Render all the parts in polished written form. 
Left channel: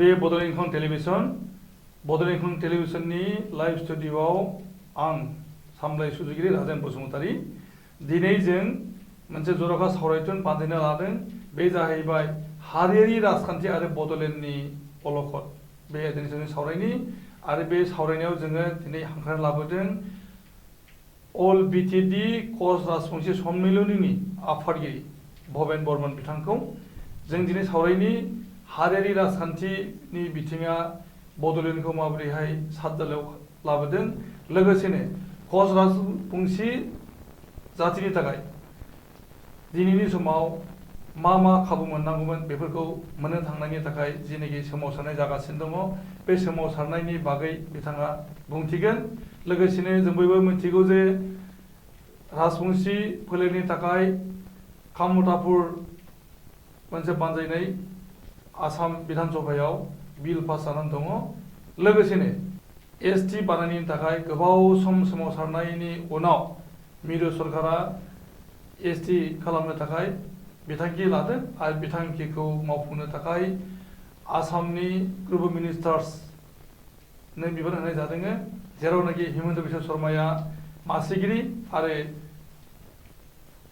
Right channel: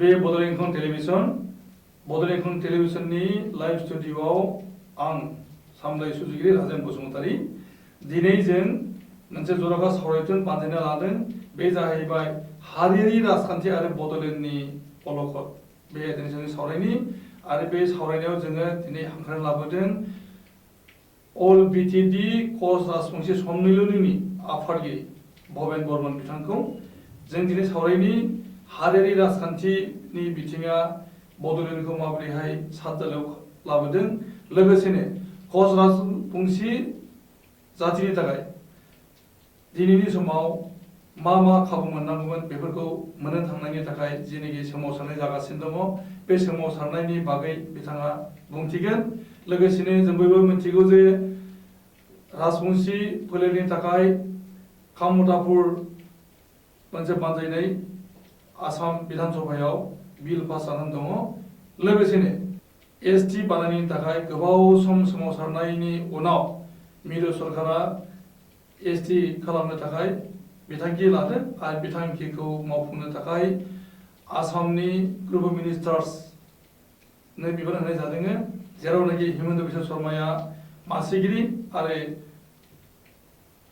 बे बड'लेण्ड टेलिभिजननि लाइभ स्टुडिय'आव आं सामलाय सुजुगिरि राजेन बसुमतारी दिनै जों मोनसे जर'खा सावरायथुन बानायना लादों। बे जाहैबाय हारियारि राजखान्थि आरो बड'लेण्डनि अलखद। बे आयदानि जों सावरायनि आरो बे सावरायनायाव जोङो दिनै हांख्रायना लाबोदों अल बिटिएडि कच राजबंसि सम्मेलननि आफादगिरि भबेन बर्मन बिथांखौ जों दिनै सावरायनि हारियारि राजखान्थिनि बिथिङा बड'लेण्डखौ माबोरैहाय सातजालायाव लाबोदों, लोगोसेनो कच राजबंसि जातिनि थाखाय दिनैनि समाव मा खाबु मोननांगौमोन बेफोरखौ मोननो थांनायनि थाखाय जेनोखि सोमावसारनाय जागासिनो दङ, बे सोमावसारनायनि बागै बिथाङा बुंथिगोन। लोगोसेनो जों बयबो मिथिगौ जे राजबंसि फोलेरनि थाखाय कामतापुर मोनसे बानजायनाय आसाम बिधान सभायाव बिल पास जानानै दङ। लोगोसेनो एसटि बानायनायनि थाखाय गोबाव सम सोमावसारनायनि उनाव मिरु सरकारा एसटि खालामनो थाखाय बिथांखि लादों आरो बिथांखिखौ मावफुंनो थाखाय आसामनि ग्रुप अफ मिनिस्टार्सनो बिबान होनाय जादों, जेरावनाखि हिमन्त बिश्व शर्माया मासिगिरि आरो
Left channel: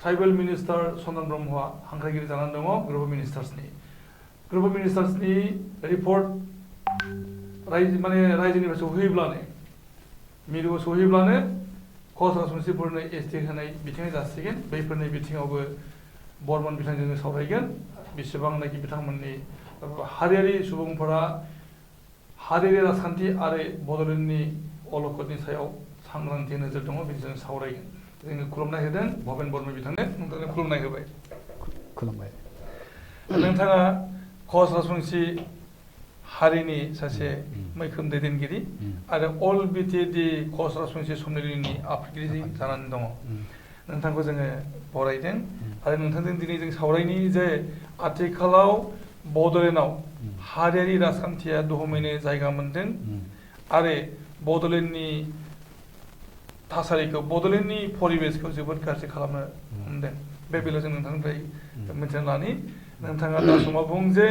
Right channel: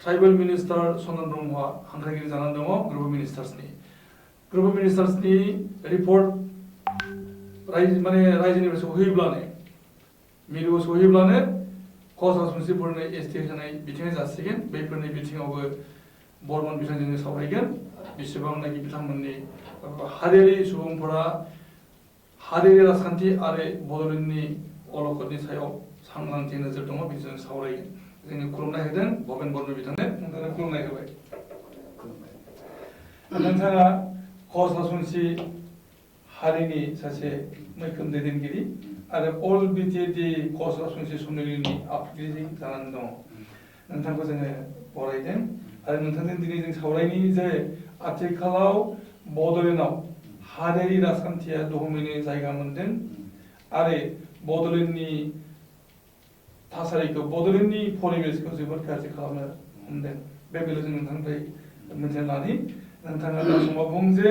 ट्राइबेल मिनिस्टार चन्दन ब्रह्मआ हांख्रायगिरि जानानै दङ ग्रुप अफ मिनिस्टार्सनि रिपर्ट रायजोनिफ्राय सहैब्लानो मिरुआव सहैब्लानो कच राजबंसिफोरनो एसटि होनाय बिथिङा जासिगोन। बैफोरनि बिथिङावबो बर्मन बिथांजों सावरायगोन। बेसेबांनाखि बिथांमोननि हारियारि सुबुंफोरा हारियारि राजखान्थि आरो बड'लेण्डनि अलखदनि सायाव सांग्रांथि नोजोर दङ, बेजों सावरायगोन। जोङो खुलुमनाय होदों भबेन बर्मन बिथांनो, नोंथाङा खुलुमनाय होबाय। खुलुमबाय। नोंथाङा कच राजबंसि हारिनि सासे मैखोम दैदेनगिरि आरो अल बिटिएडि कच राजबंसि सम्मेलननि आफादगिरि जानानै दङ। नोंथांखौ जोङो बरायदों आरो नोंथांजों दिनै जों सावरायनि जे आथिखालाव बड'लेण्डआव हारियारि राजखान्थिया दहमैनो जायगा मोनदों आरो बड'लेण्डनि थासारिखौ, बड'लेण्डनि परिबेसखौ जोबोद गाज्रि खालामनो हमदों। बे बेलायाव जों नोंथांनिफ्राय मिथिना लानि। नोंथाङा दा समाव बुं जे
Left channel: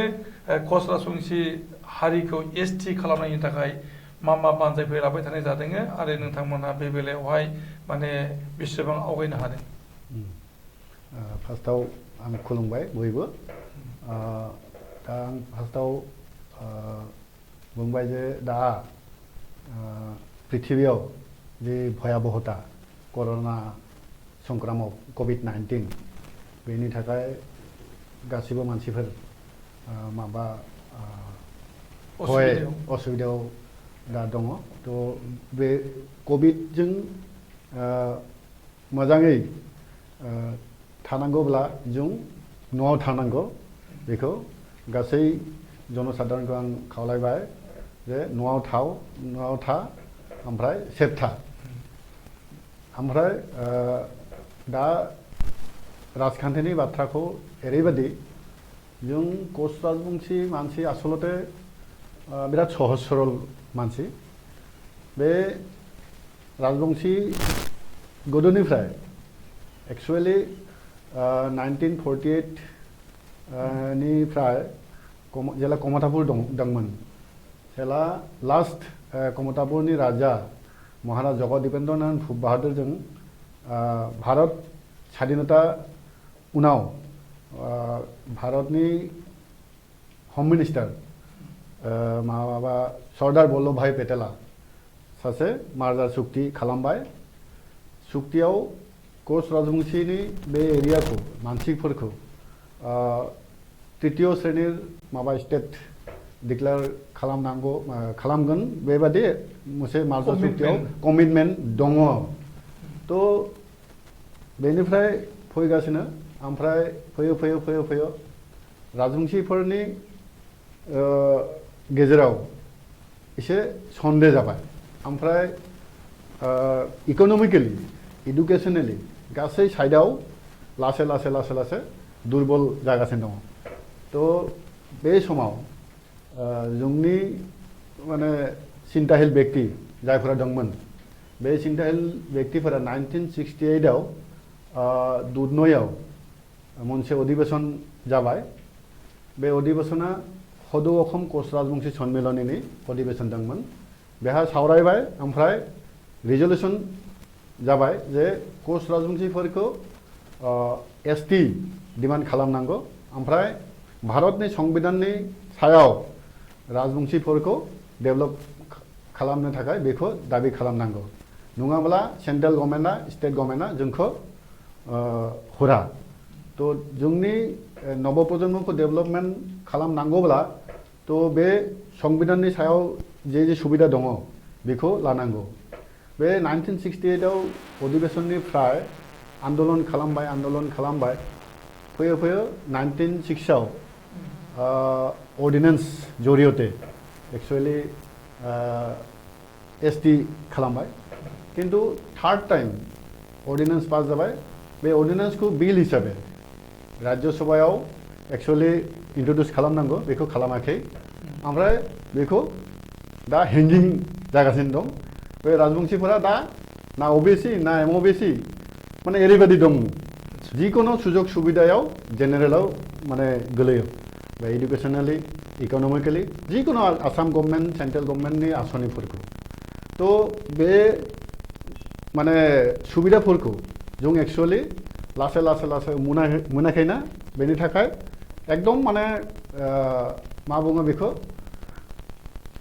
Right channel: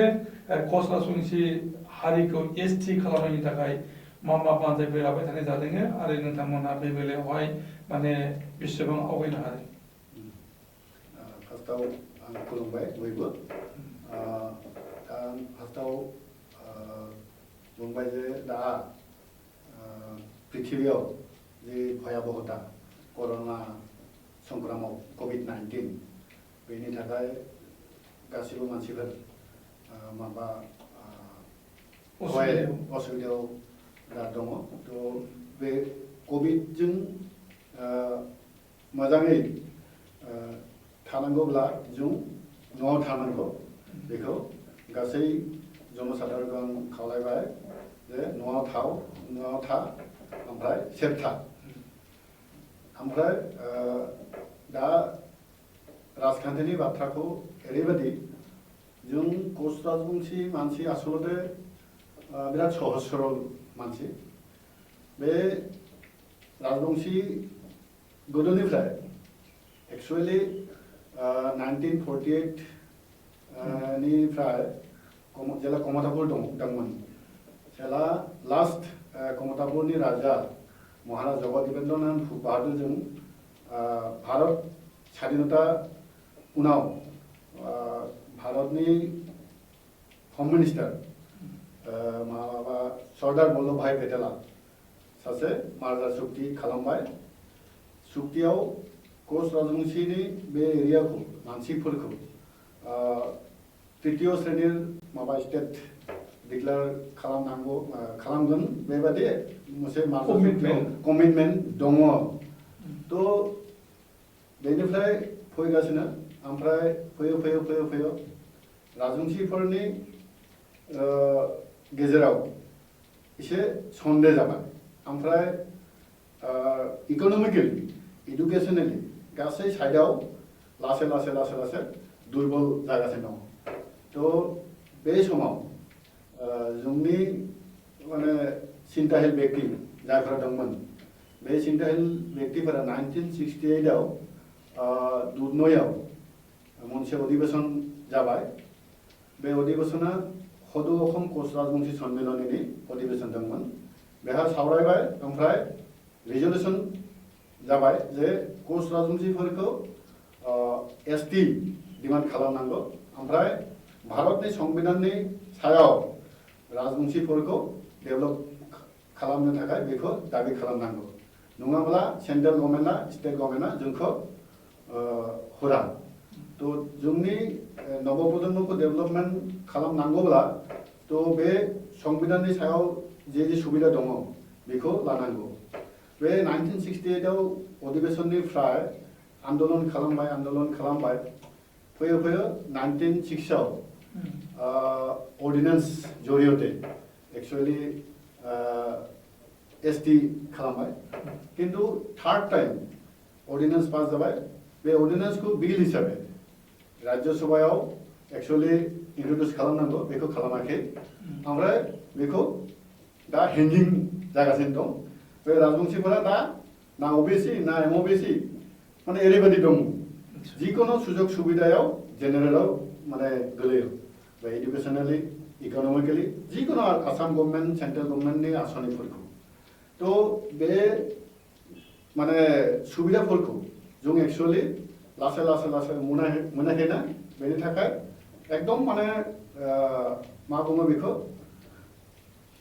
कच राजबंसि हारिखौ एसटि खालामनायनि थाखाय मा बानजायफोर लाबाय थानाय जादों आरो नोंथांमोनहा बे बेलायावहाय बेसेबां आवगायनो हादों? फार्स्टआव आं खुलुमबाय बयबो। दा आं फार्स्टआव बुंबाय जे दा पृथिबियाव जे भयाबहता कर'ना संक्रामक कभिड-19 बेनि थाखाय गासिबो मानसिफोर माबा असुबिदायाव दा दङ। थ' बे कभिडजों मोजाङै थानांगौब्ला जों न'आव थानांगौ। बेखौ गासै जनसाधारणखौ आं खावलायबाय जे न'आव था ओमफ्राय सेफ था। ओमफ्राय दा राजखान्थिनि बाथ्राखौ ओरैबायदि, जों कच राजबंसि मानसि आसलते बिराद सहज सरल मानसि। बे राजबंसि गोदोनिफ्राय एक्सुवेलि 1948 निफ्राय जेला कमतापुर दंमोन, जेला लास्ट कमतापुरनि राजा महाराज जगदीपेन्द्रनाथ बाहादुरजों भारत स्वाधीनता उनाव भारतनि हम मिनिस्टार माबा सरदार वल्लभभाई पेटेला सासे मार्जार सुक्ति खालामबाय। सुक्तियाव कच राजबंसिनि बे एरियाखौ मानसिफोरखौ तृतीय श्रेणीर माबा स्टेट डिक्लेयार खालामगोन बेबादि मोनसे मार्जार सुक्तियाव कमिटमेन्ट दङ। थ' बेनिफ्राय फैगासिनो, ओमफ्राय फैयो राजबंसिफोरनि गेजेराव एसे सन्देह जाबाय। ओमफ्राय इक'नमिकेलि इडुकेसनेलि गासै साइडआव लासै दुर्बल जागासिनो दङ। थ' बे समाव जोंनि सिन्ताहिल बेक्ति जायफोरा दंमोन, बे सिन्ताहिल बेक्तिफोरा 1968आव दुधनैआव मोनसे अधिवेशन जाबाय। बे अधिवेशना हदु अखम कस राजबंशी सम्मेलननि अधिवेशन दंमोन बेहा सावरायबाय ओमफ्राय रिजल्यूशन जाबाय जे कस राजबंशीफोरखौ एसटी डिमान्ड खालामनांगौ ओमफ्राय भारतनि संविधाननि सायाव राजबंशीफोरखौ डेभेलप खालामनो थाखाय बेखौ दाबि खालामनांगौ नङाब्ला सेंट्रेल गभर्नमेन्टआ स्टेट गभर्नमेन्टआ जोंखौ हरा तो जोंनि नवप्रजन्मखौ डेभेलपमेन्ट खालामनांगौब्ला तो बे संविधाननि सायाव जे सुबिदा दङ बेखौ लानांगौ बे 1968 आव अधिवेशननिफ्राय आन्दोलन खालामबाय फैयै 1906 आव अर्डिनेंस जरियते एक्चुअली एसटी खालामबाय किन्तु थार्ड टाइम अर्डिनेंस पास जाबाय बे अर्डिनेंस को बिल हिसाबै राज्य सभायाव एक्चुअली इंट्रोड्यूस खालामनांगौ बेखौ खालामाखै ओमफ्राय बेखौ दा हेंगिं जागासिनो दं बे राजबंशीफोरा दा ना ओबीसी ना एमओबीसी माने ओरैबायदि दं जिकुनु सुजुग सुबिदायाव जेनेरेलाव माने गोलैयो बे एडुकेशनेलि इकोनॉमिकली जिकुनु आसाम गभर्नमेंट सेंट्रल गभर्नमेंटनि आसनिफोरखौ तो बे माने सुबिदाफोरखौ जों एक्चुअली लासै मोनाखैना बेनि थाखाय एकदम माने मा बुङो बेखौ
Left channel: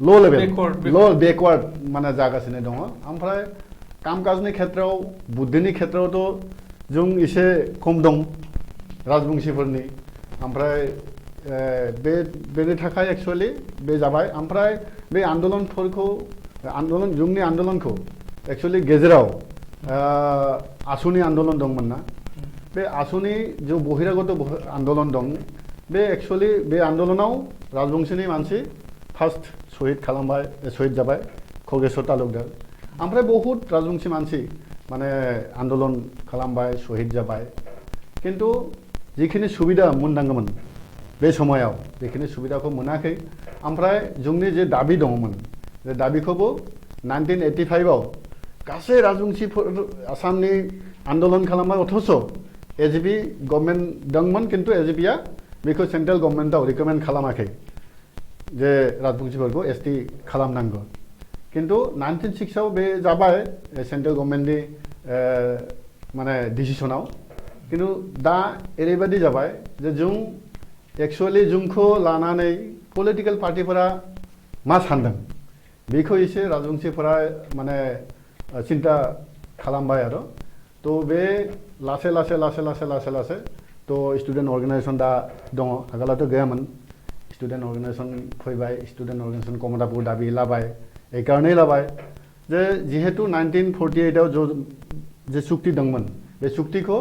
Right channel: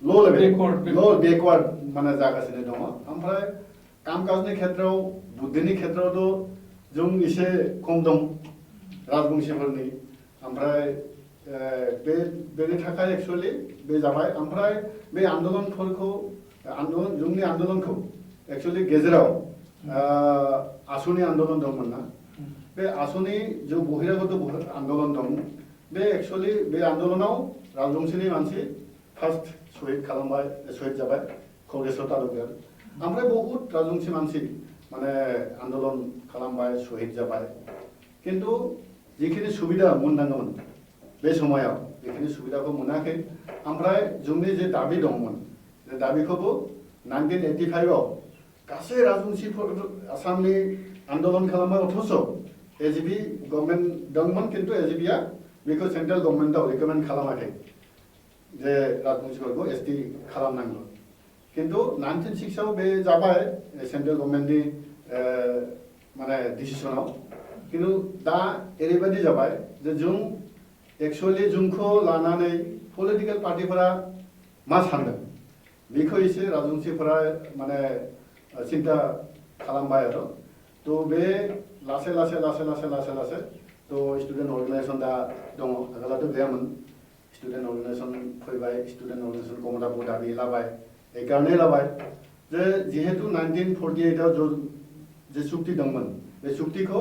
लो लेवल बेकवार्ड माने जागासिनो दङ ओमफ्राय कामकाजनि खेत्रआव बुद्धिनि खेत्रआवथ' जों एसे खम दं राजबंशीफोरनि ओमफ्राय बेनि थाखाय एक्चुअली बे जाबाय ओमफ्राय बे जोंनि आन्दोलनखौ एक्चुअली गेजेराव आसुनि आन्दोलन दंमोन ना बे आसुनि जो बहिरागत आन्दोलन दं बे एक्चुअली बे आन्दोलनाव राजबंशीनि मानसि फार्स्ट शहीद जाबाय खगेश्वर तालुकदार ओमफ्राय बहुत राजबंशी मानसि माने आन्दोलन खालामबाय शहीद जाबाय किन्तु जिखिनि सुबिदा मोननांगौमोन बे समायाव बेखिनि सुबिदाखौ मोनाखै ओमफ्राय जोंनि जे दाबि दङमोन बे दाबिखौबो 1985 आव गासै राजबंशीफोर आसामनि आन्दोलन खालामबाय अथच एजिपि गभर्नमेन्ट दंमोन किन्तु एजिपिआ बेखौ सेंट्रेल गभर्नमेन्टआव रिकमेन्ड खालामाखै जे राजबंशीफोरखौ एसटी खालामनांगौ किन्तु 1906 आव बे जाबाय सेंट्रेल गभर्नमेन्टनि माने डिसिसनाव किन्तु दा ओरैबायदि जाबाय जे जों एक्चुअली जोंखौ लानानै पलिटिकल पार्टिफोरा मा सानदों बेखौ एसे राजबंशीफोरा माने चिन्ता खालामबाय आरो तो बे लासै तो स्टूडेंट अर्गेनाइजेशन दा दङ आगोलावथ' गैयामोन स्टूडेंट अर्गेनाइजेशन फैबाय स्टूडेंट अर्गेनाइजेशन कमदाफोर दाबि लाबाय एकारनै लाबाय जे जिहेतु 1948 आव जे चुक्ति दंमोन बे चुक्तिखौ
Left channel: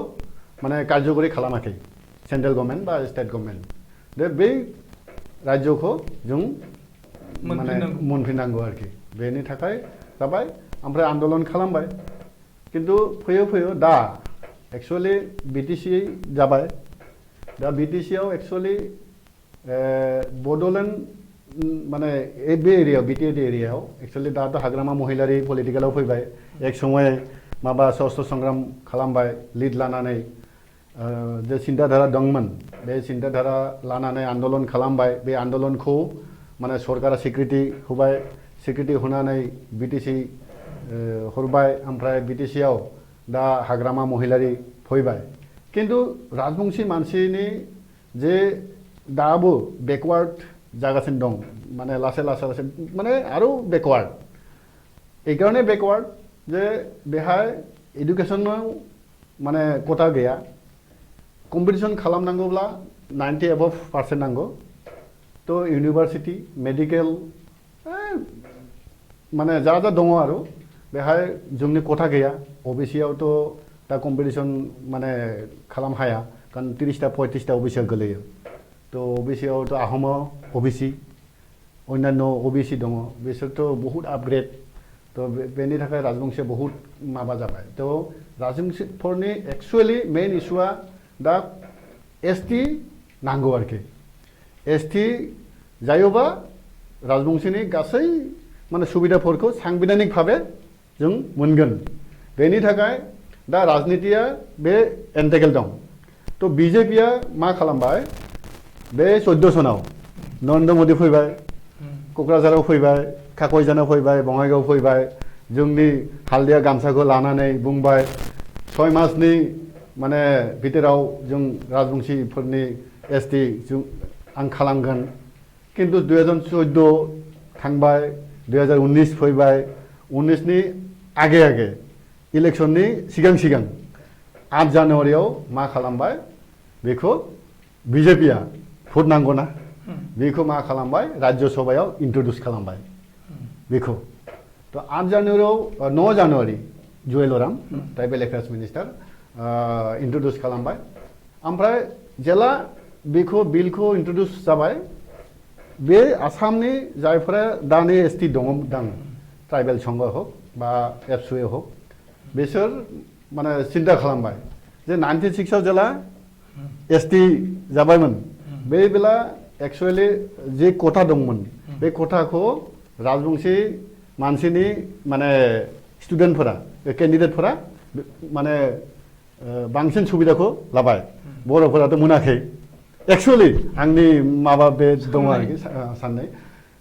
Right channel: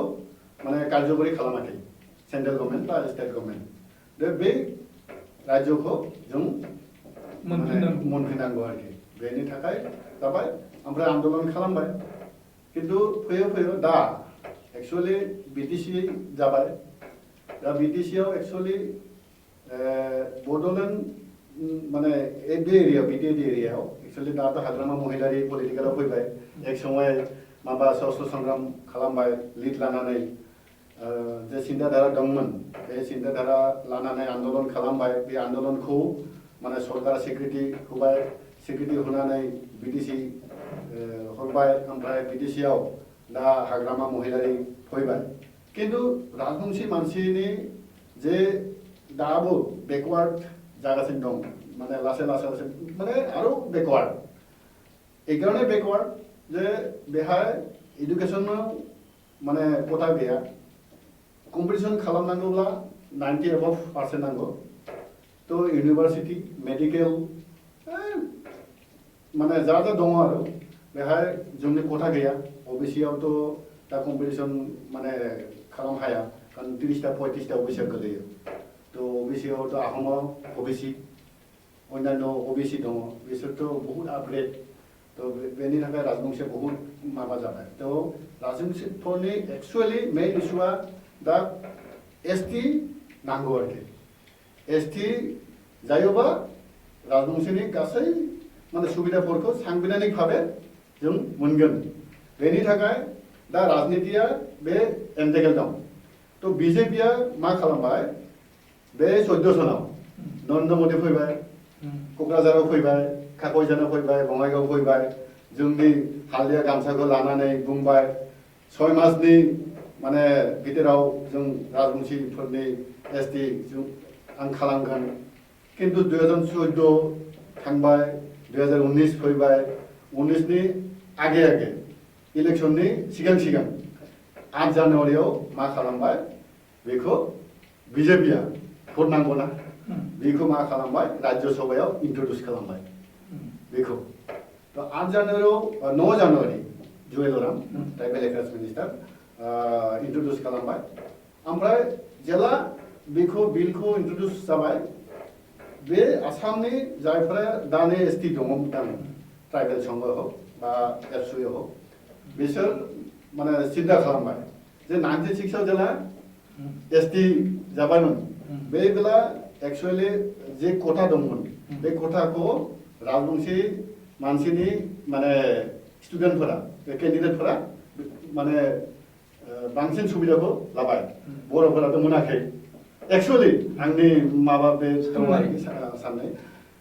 माने कार्यकरि खालामाखै सेंट्रेल गभर्नमेंट बा स्टेट गभर्नमेंट बे राज्यखौ जों मोनफिननांगौ आरोखि बेनि थाखाय जाबाय ओमफ्राय आन्दोलन खालामबाय किन्तु फैयै दा एक्चुअली बीटीसी जाबाय दा बीटीसी आव एक्चुअली बडोलेण्ड माने बे एरिया बीटीएड एरियायाव एक्चुअली दाथ' हाग्रामा महिलारि पलिटिकेलाव फैबाय एक समय माबा सशस्त्र संग्राम खालामबाय लिड लानानै जे चिन्ताधारा दंमोन बे चिन्ताधारा लानानै आन्दोलन खालामबाय बे आन्दोलनखौ माने सरकारा स्वीकृति होबाय स्वीकृति होनानै बीटीसी हरबाय ओमफ्राय बीटीसी आव दा हाग्रामा महिलारि फैबाय किन्तु राजबंशी मानसिनि जे दाबो बेकवार्ड जागासिनो दं माने लासै माने आरो बेकवार्ड एकारनै बेकवार्ड जे बेहाय एडुकेशनाव माने कोटा गैया कम्पिटिशन खालामनांगौब्ला 90 एबभ% नांगौ तो यूनिवर्सिटी मेडिकल माने जा दङ आरो बेहाय जोंनि कोटा गैया ओबीसी आवथ' दा कम्पिटिशन माने खालाम हाया कारण 30टा 35टा ओबीसी गोलैयो तो ओबीसी आवथ' आहमाव ओबीसी अन्यान्य ओबीसी दङ बिसोरथ' बहुत आपग्रेड तो बेनि थाखाय राजबंशीया बहुत माबा जाबाय तो राजबंशीफोरनि एक्चुअली मेन इशुआ दा एसटी नांगौ आरोखि एसटी जायोबा राजबंशीनि गासै माने सुबिदाफोरखौ सांबिधानिक भावे जों मोनगोन बेनि थाखाय दा राजनीतिया बे एन्टेगेल दं तो बीजेपीआ मा खालामबाय बे 14 सनाव नरेन्द्र मोदी फैबाय क'क्राझाराव फैबाय काकयजानाव फैबाय बङाइगाव फैबाय जोंनि हालदिया गामसाखौ लानानै बुंबाय 6 मासनि माने बिथोराव जों राजबंशीफोरनि एसटि जों आं खालामगोन किन्तु 2014 थांबाय 2019 फैबाय 19 नि आगे आगे इलेक्शननि सिगां सिगां 8 जानुवारियाव मा खालामबाय बेखौ बिजेपिया भट नांगौना बेखौ मा खालामबाय राज्य सभायाव इन्ट्रडिउस खालामबाय बेखौ तो 8 जानुवारियाव 9 जानुवारि Jual Oram tribal affairs minister introduce खालामबाय ओमफ्राय जेला बेखौ बिलखौ इन्ट्रडिउस जाबाय बे आसामनि जायफोरा दानि एसटि दङ ट्राइबेल संघ हक बा एबसुए हक बिसोर माने सिन्था खालामबाय जे 96 आव जेला एसटि जाबायमोन बे बेला एक्चुअली जे कोटा दंमोन बे कोटाखौ राजबंशी मानसिनि माने स्टुडेन्टफोरा केन्डिडेटफोरा माने बांसिन सुबिदाखौ लाबाय बर'फोराथ' मोनाखै एक्चुअली आंनि माबा बे दङ आरोखि साननाय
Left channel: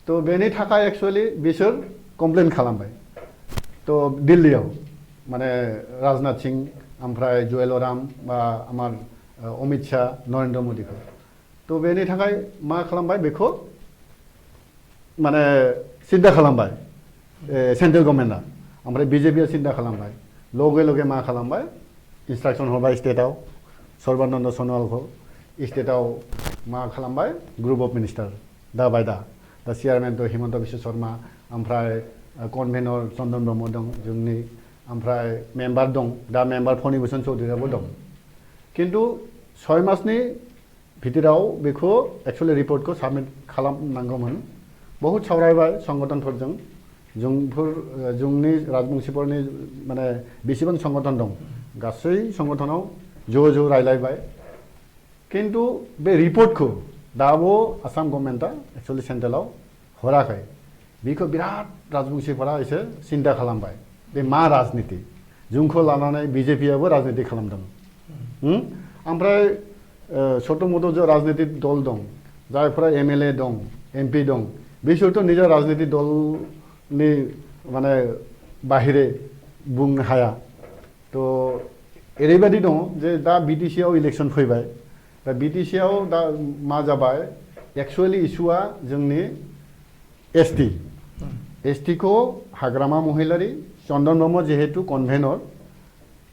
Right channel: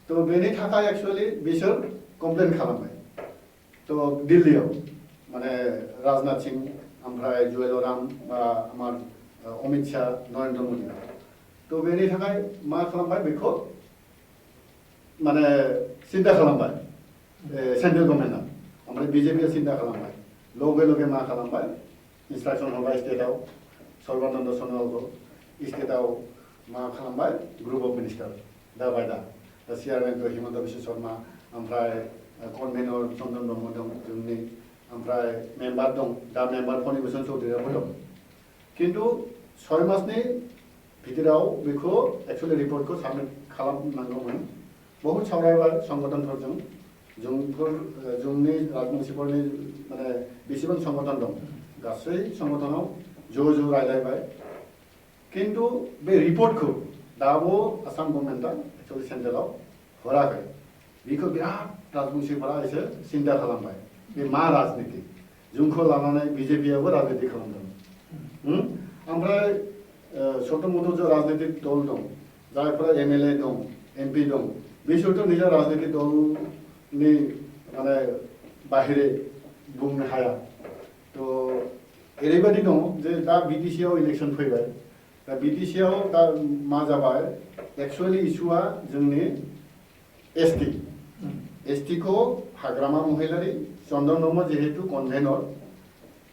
तो बेनि थाखाय एक्चुअली बिसोर कमप्लेन खालामबाय तो दिल्लीयाव माने राजनाथ सिंह ओमफ्राय जुवेल ओराम बा आमार अमित शाह नरेन्द्र मोदीखौ तो बेनि थाखाय मा खालामबाय बेखौ माने सिन्था खालामबाय सेन्ट्रेल गभर्नमेन्टआ ओमफ्राय बिजेपिया सिन्था खालामबाय लगे लगे मा खालामबाय इन्सट्राक्सन हरबाय स्टेटआव सर्बानन्द सन'वालखौ स्टेटआव मा खालामबाय ग्रुप अफ मिनिस्टार दा बाय दा चेयारमेनथ' हिमन्त बिश्व शर्मा ओमफ्राय कनभेनर चन्दन ब्रह्म दं जोंनि ओमफ्राय मेम्बार दं दा मेम्बार फणिभूषण चौधुरीयाबो दं किन्तु 6 मासनि भितराव बेखौ एक्चुअली रिपर्टखौ साबमिट खालामनांगौमोन बहुत सावरायबाय संगठनफोरजों जोंनि राजबंशीफोरनि माने बेसेबां संगठन दं गासै संगठनाव ज' रायलायबाय किन्तु बे रिपर्टखौ दाबो आसाम गभर्नमेन्टआ एक्चुअली सेन्ट्रेलाव हराखै बेखौ बिराद राजबंशीफोरा एसे सिन्था खालामबाय बे मा राजनिति जोंखौ लानानै बिजेपियाबो राजनिति खालामदों ओमफ्राय छोट' मोट' जो राजनितिक दल दं जायफोरा एमएलए दं एमपि दं बिसोरथ' निजा राजनितिक दलनि माने बाहिरे बुंनो हाया तो ओरैबायदि दं जे दा बिटिसिआव इलेक्शन फैबाय दा बिटिसिआव दा मा जाबाय एक्चुअली इस्युआ जोंनि एसटि को हाग्रामा महिलारी चन्दन ब्रह्म जिहेतु कनभेनर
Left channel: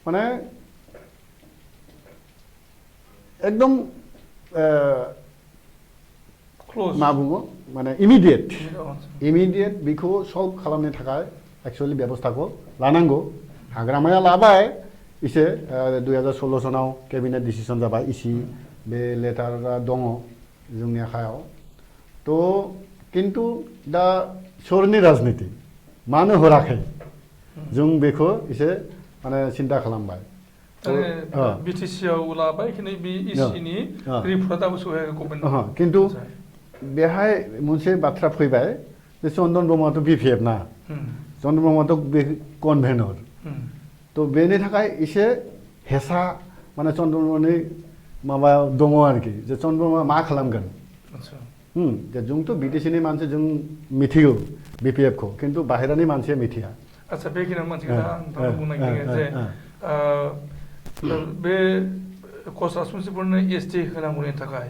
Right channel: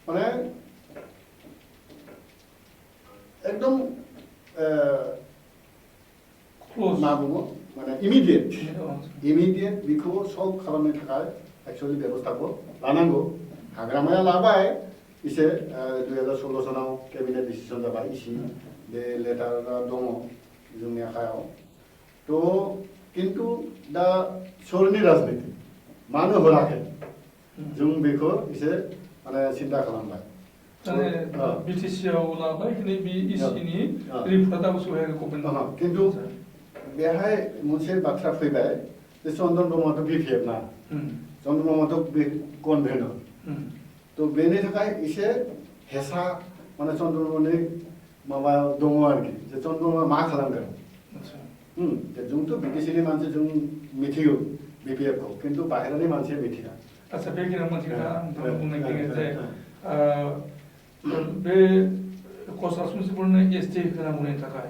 माने एकदम मा बुङो माने इमिडियेट बेखौ सल्भ खालामनो थाखाय एक्चुअली बेबस्थाखौ लानांगौ हाग्रामाया लाबाय एसे 2016 सनाव केबिनेट डिसिसन जाबाय इसी बे लेटारा दङ जोंनि आखायाव तो किन्तु दा सोरनि राजनिति मानो हराखै जों बेखौ एसे माने सिन्था खालामबाय बिटिसिआव लाबाय खिन्थु बे इसिनि रिपर्टआबो सहायखौ गभर्नमेन्ट किन्तु बेहाय मोनसे बाथ्रा फैबाय जे चन्दन ब्रह्मआथ' बिपिएफ ना चन्दन ब्रह्मआथ' बे कनभेनर तो बेनि थाखाय एसे हेसा माने चन्दन ब्रह्मनि माबा दङ आरोखि जे चन्दन ब्रह्मआ मा खालामगोन जे जोंथ' बिटिसिनि मानसि जों मिथिगौ बिपिएफखौ किन्तु बाहेरानि मानसिया मिथिया आच्छा बेखिनियाव मोनसे खोथा आं बुंनो नागिरदों जे बे कच राजबंशीफोरनो एसटि होनांगौनि थाखाय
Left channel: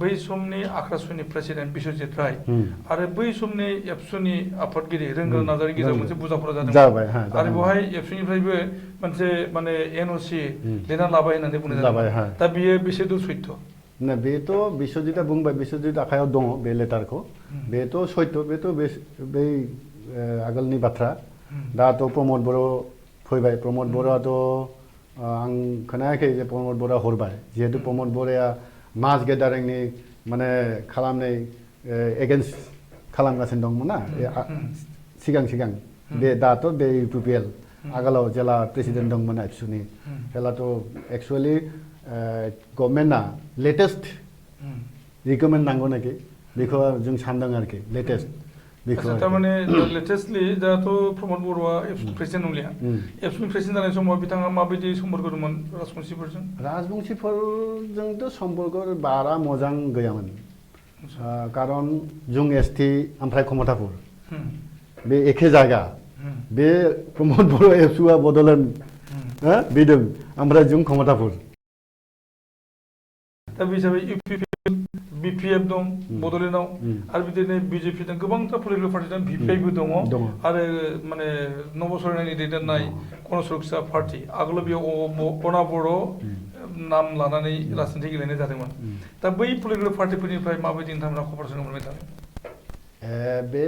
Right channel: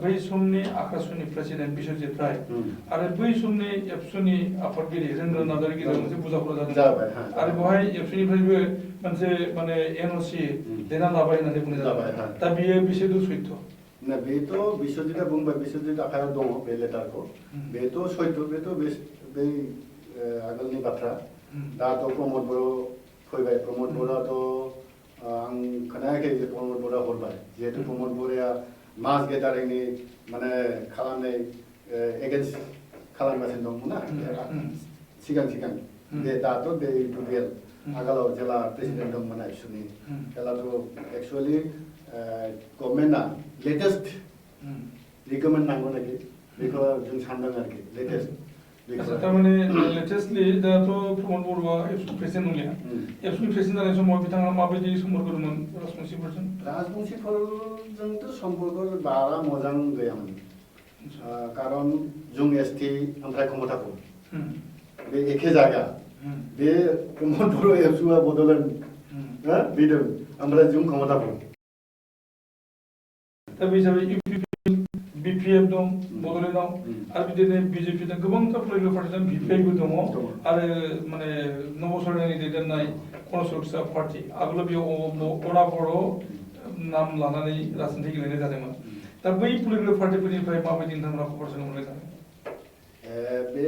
बै समनि आकाशवाणी प्रेसिडेन्ट बिश्वजित राय आरो बै समनि एबसुनि आफादगिरि रेंद्र नार्जारिनि गेजेराव मोनसे बुजाफोरा जादों आरो बेवहाय एबसुनिफ्रायबो मोनसे माने एनअसि लिरना लाबाय होननानै बुंनाय जाबाय दा बेयो बेसेदूर सैथो ना बेथ' बिश्वजितआ बुंबाय बिश्वजित आखायाव दङ बे लेटारखौ बेथ' सैथो बेथ' बै आगोलनि बाथ्रा दाथ' प्रमद बर' फैबाय प्रमद बर'आथ' आं खोनायाखै जे प्रमद बर'आ हरबाय जिहेतु प्रमद बर'आ मास गेदारिंनि माने खालामनाय एगेन्स्ट खालामगासिनो दंमोन ना सिगां बे दाथ' बे इउपिपिएल आगोलाव जेला प्रेसिडेन्ट दंमोन एबसुनि बेलाथ' एक्चुअली गभर्नमेन्टआ लेटेस्ट रिकमेन्ड नांगौ नाखि बेखौ जों सानदों आरोखि लेटेस्ट थारमाने लेटेस्टलि दाथ' प्रमद बर'आ एबसुनि प्रेसिडेन्ट नंलिया एबसुनि प्रेसिडेन्ट जानाय समाव बिथाङा माबायदि सम्पर्क दंमोन राजबंशीफोरजों राजबंशीफोरजोंथ' सम्पर्क बारा मोजां गैयामोन कारन जों एसटी ओमफ्राय कमतापुर बे एखे जायगा बे प्रमोद बर' एबसुआ बड'लेण्ड बिदों ओमफ्राय जों कमतापुर दा बे हिसाबै BPF दं बड'लेण्डआव आरो बिदिनो BJP दं गोबांथार पलिटिकेल पार्टि दं VPI बो दङ आरो माने नबसरनायनि दैदेननाय गणसुरक्षा पार्टी आगोलाव बेयाव अना बर' नाम लानानै राजनिथि गेलेनाय जादोंमोन दा बै पलिटिकेल पार्टिफोरनिफ्राय माबायदि नोंथांमोना खबर मोनबाय थादों बे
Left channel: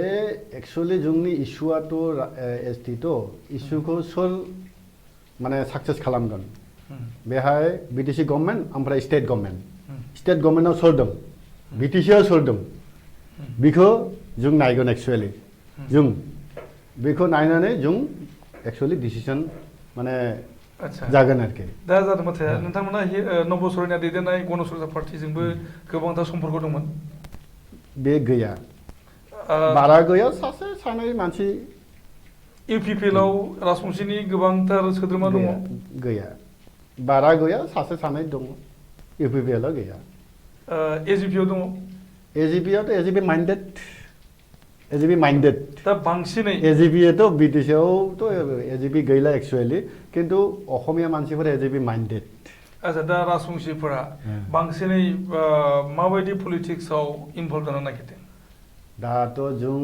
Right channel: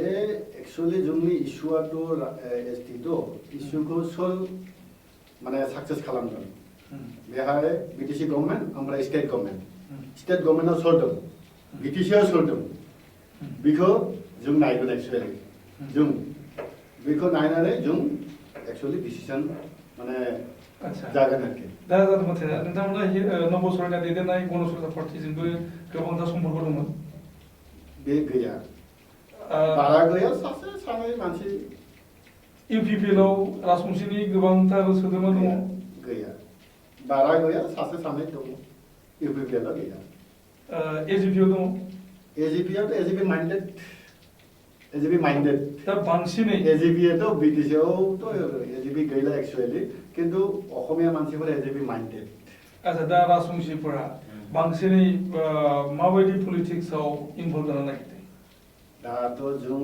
एक्चुअली जोंनि इस्युआथ' एसटिथ' इस्युखौ सोर माने साक्सेस खालामगोन बेहाय बिटिसि गभर्नमेन्ट ओमफ्राय स्टेट गभर्नमेन्टआव सोर दं बिटिसिआव सोर दं बेखौ जों नायगोन एक्चुअली जों बेखौ नायनानै जों एक्चुअली डिसिसन माने जागोन आरोखि दा जादों माथो नोंथांमोना नबसरनाय दैदेननाय गणसुरक्षा पार्टिजोंबो गोबांथार सम्पर्क दंमोन बे गैया बारा गैया सासे सानै मानसि इउपिपिएलआव राजबंशीनि गोबांथार सोद्रोमा दङ गैया बारा गैया सासे सानै दङ इउपिपिएलआव गैया एजिपिआव दङ एजिपिआवथ' एजिपि माइन्डेड दा बांसिनै एजिपिआथ' बिटिसिआवथ' एजिपि गैला एक्चुअली किन्तु असमिया मानसिफोरा एजिपि माइन्डेड आच्छा दा राजबंशीफोरा बांसिनै माबायदि पलिटिक्सआव इनभल्भ जानो नागिरदों दाथ' जों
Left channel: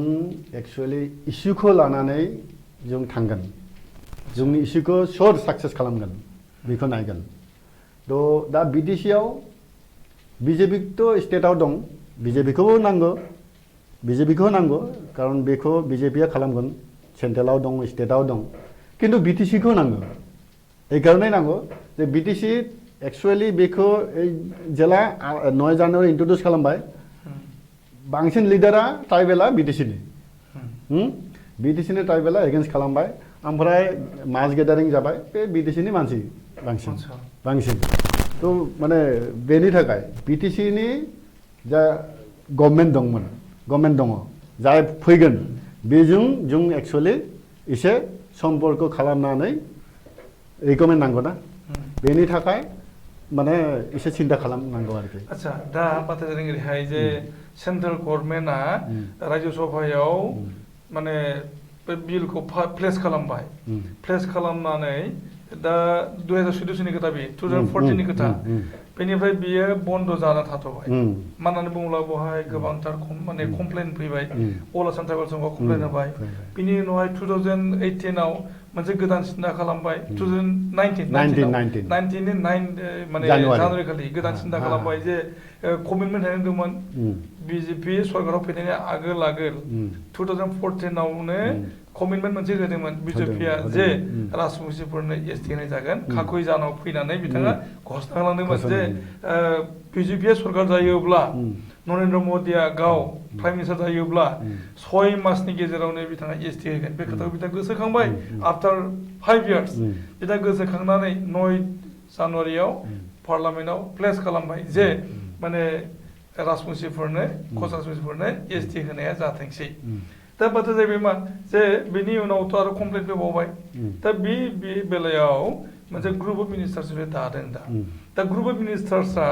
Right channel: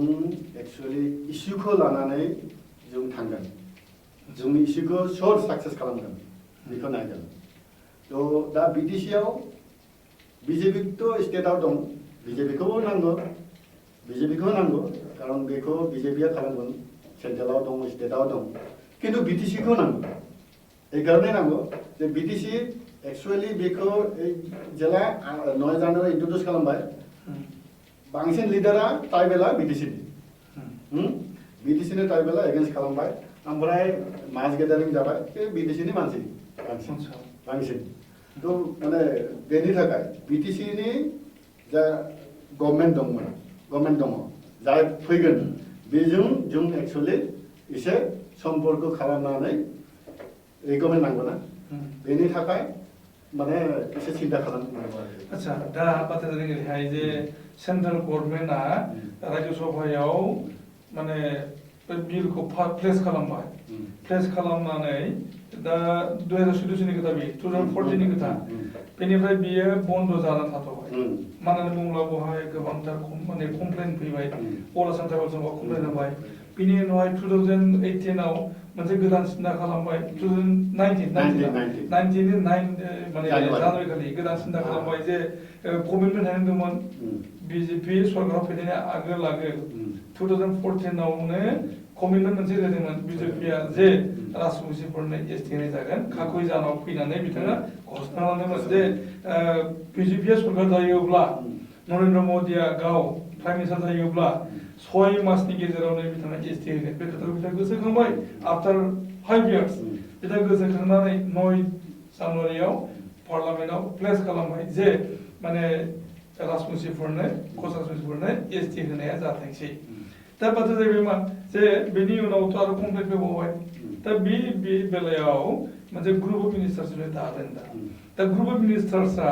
एक्चुअली इस्युखौ लानानै जों थांगोन जोंनि इस्युखौ सोर साक्सेस खालामगोन बेखौ नायगोन थ' दा बिटिसिआव बिजेपिथ' स्टेटआव दं बिजेपिखौबो नांगौ कारन बेखौ बिजेपिआ खालामगोन सेन्ट्रेलाव दं स्टेटआव दं किन्तु बिटिसिखौ नांगौ এই কারণেই নাंगौ যে बिटिसि एक्चुअली बेखौ जेला 9 जानुवारि इन्ट्रडिउस खालामबाय बांसिन लिडारा ट्राइबेला बिटिसिनि बिटिसिनि ट्राइबेला एगेन्स्ट खालामबाय ओमफ्राय मास गेदारिं जाबाय बे बिटिसिनि मानसि बांसिन तो माने बेनि थाखाय बिटिसिनि जा गभर्नमेन्ट दङ जाय फैगोन बेजों जों एक्चुअली एसे सम्पर्क खालामनानै रिकमेन्ड नांगौ ना बेनि थाखाय माने एसे सिन्था खालामनांगौ आरोखि आच्छा दा बाथ्राया जादों ओरैहाय जे सेन्ट्रेल गभर्नमेन्टआ रायजो सभायाव माने बे बिलखौ प्लेस खालामबाय प्लेस खालामनानै दा 2014 नि खोथा बे 2014 नि खोथा बेनिफ्राय बियो बन्द जाना थाथ'बाय मानो होननानै बुङोब्ला बेवहाय गोबांथार माने कमप्लेन फैबाय अल आसाम ट्राइबेल कमप्लेन होबाय बिनि उनावहाय 2018 आव मोनसे गोदान सिन्था खालामबाय 2019 माने जानुवारि खालि गोदान सिन्था खालामबाय जे कमिटमेन्ट होदोंमोन बिजेपि सरकाराव फैनायनि आगोल 2014 आवनो कमिटमेन्ट मोनसे होदोंमोन बिजेपिआ जे राजबंशीफोरनो एसटि होनाय जागोन काकय जानाव फैनानै बिथाङा घोषणा खालामदोंमोन जे बिजेपिआ सरकार जायोब्ला नरेन्द्र मोदीआ गाव प्राइम मिनिस्टार जायोब्ला 6 मासनि गेजेरावनो बिथाङा एसटि होगोन बे खोथाखौ बिथाङा गोसोखांबाय आफ्टार 5 इयार्स बिथाङा गोसोखांनानै 9 जानुवारियाव पार्लामेन्टआव प्लेस खालामबाय जे माने राजबंशीफोरनो राजबंशीफोरनो एसटि होनाया जाथोंसै दा बाथ्रा जाहैबाय मा जे बेनि उनावथ' आरो कमप्लेन फैबावबाय दा बे बेलायाव मोनसे ग्रुप अफ मिनिस्टार्स दादों दा ग्रुप अफ मिनिस्टार्सआ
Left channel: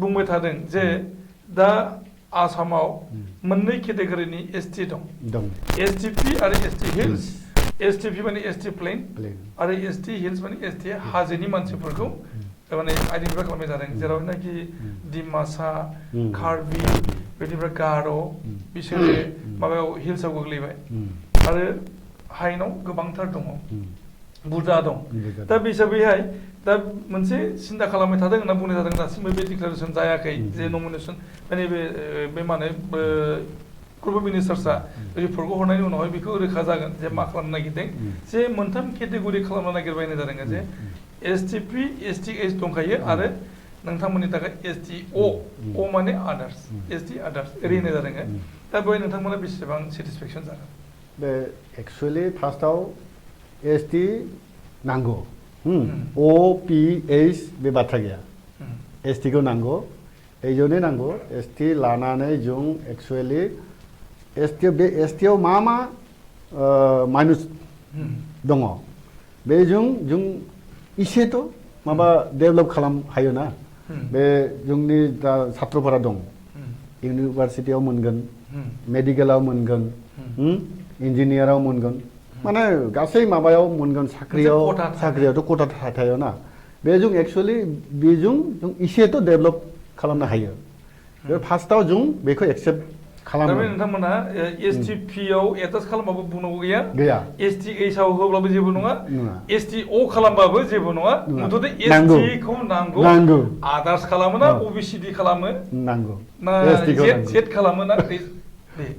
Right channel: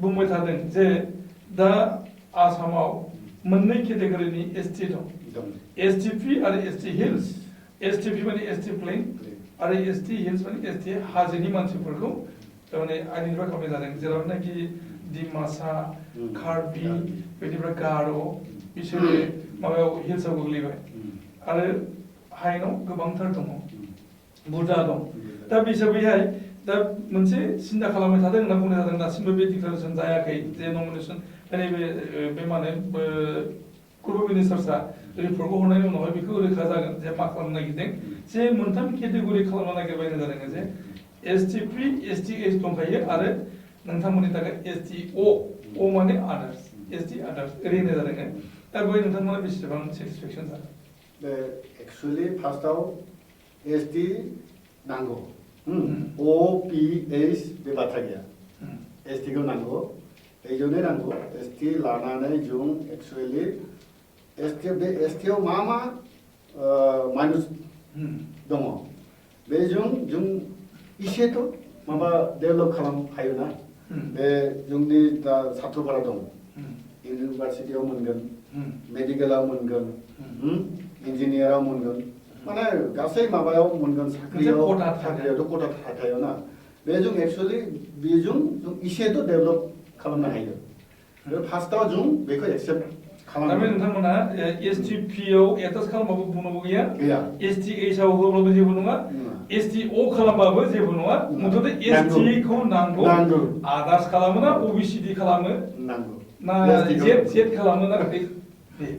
बुंबाय थादों जे दा आसामाव मोननै केटेगरिनि एसटि दं एसटिपि आरो एसटि हिल्स एसटिपि माने एसटि प्लेन आरो एसटि हिल्स माने एसटि हाजोनि मानसिफोरखौ माने आइडेन्टिफाइ खालामनाय जादों जेरावनाखि डिमासा कार्बि बेनिफ्राय गार' बिसोरो माबायाव हिल्सआव गोग्लैबाय आरो हायेनाव गोबांथार दङ बुरजा दं दा बे हिसाबैहाय दा मोनसे सिन्था खालामबाय थादों होनना बुंनाय जादों दासिमबो बे डिक्लारेसन जायाखै जे नमिनेसन माने बे माने ग्रुप अफ मिनिस्टार्सआ रिपर्टखौ हरनायनि उनावहाय बेखौ रोखा जागोन जे मा खालामनो नागिरदों जे मोनथाम केटेगरि खालामनो नागिरबाय जादों जे एसटिपि एसटिएच दंखायो आरो नोंथांमोननि थाखाय एसटिअ माने आदार्स एसटि आदार्स ओरै होनाय जादों दा बेवहाय नोंथांमोना बेसेबां सेटिसफेक्सन जागोन बे एक्चुअली फार्स्टआव एसटि नांगौ ओ पि एच बे बाथ्रा गैया एसटिखौ नांगौ एजोंनो नांगौ एसटि लानानै जों एक्चुअली एसटिआव मा माइनस दङ बेजों जों इसेथ' माबा डेभेलप खालाम हायो ना बे जोंनि दा छात्रफोरा दं इउनिभार्सिटियाव मोनगोन Hmm. मेडिकेलाव मोनगोन इन्जिनियाराव मोनगोन माने गासै माबायाव मोनगोन साख्रियाव मोनसे quota साख्रियावथ' कोटा थायो ना बेजों एक्चुअली बेजों जों इसेथ' डेभेलप खालामनो हायो बे फार्स्टआव जों बेखौ एक्सेप्ट दा बे खालामो नोंथांमोना STP आव एटाच खालामबाबो बुंनांगौ गैया गैया STH आव होब्लाबो जेबो नङा नङा STO खालामबाबो जेबो नङा नङा। मुथते नांगौ। ST खौ नांगौ नांगौ आदार्स खालामो ना औ। OBCD खालामो नांगौ ना ST खौ नांगौ। Z खालामो ना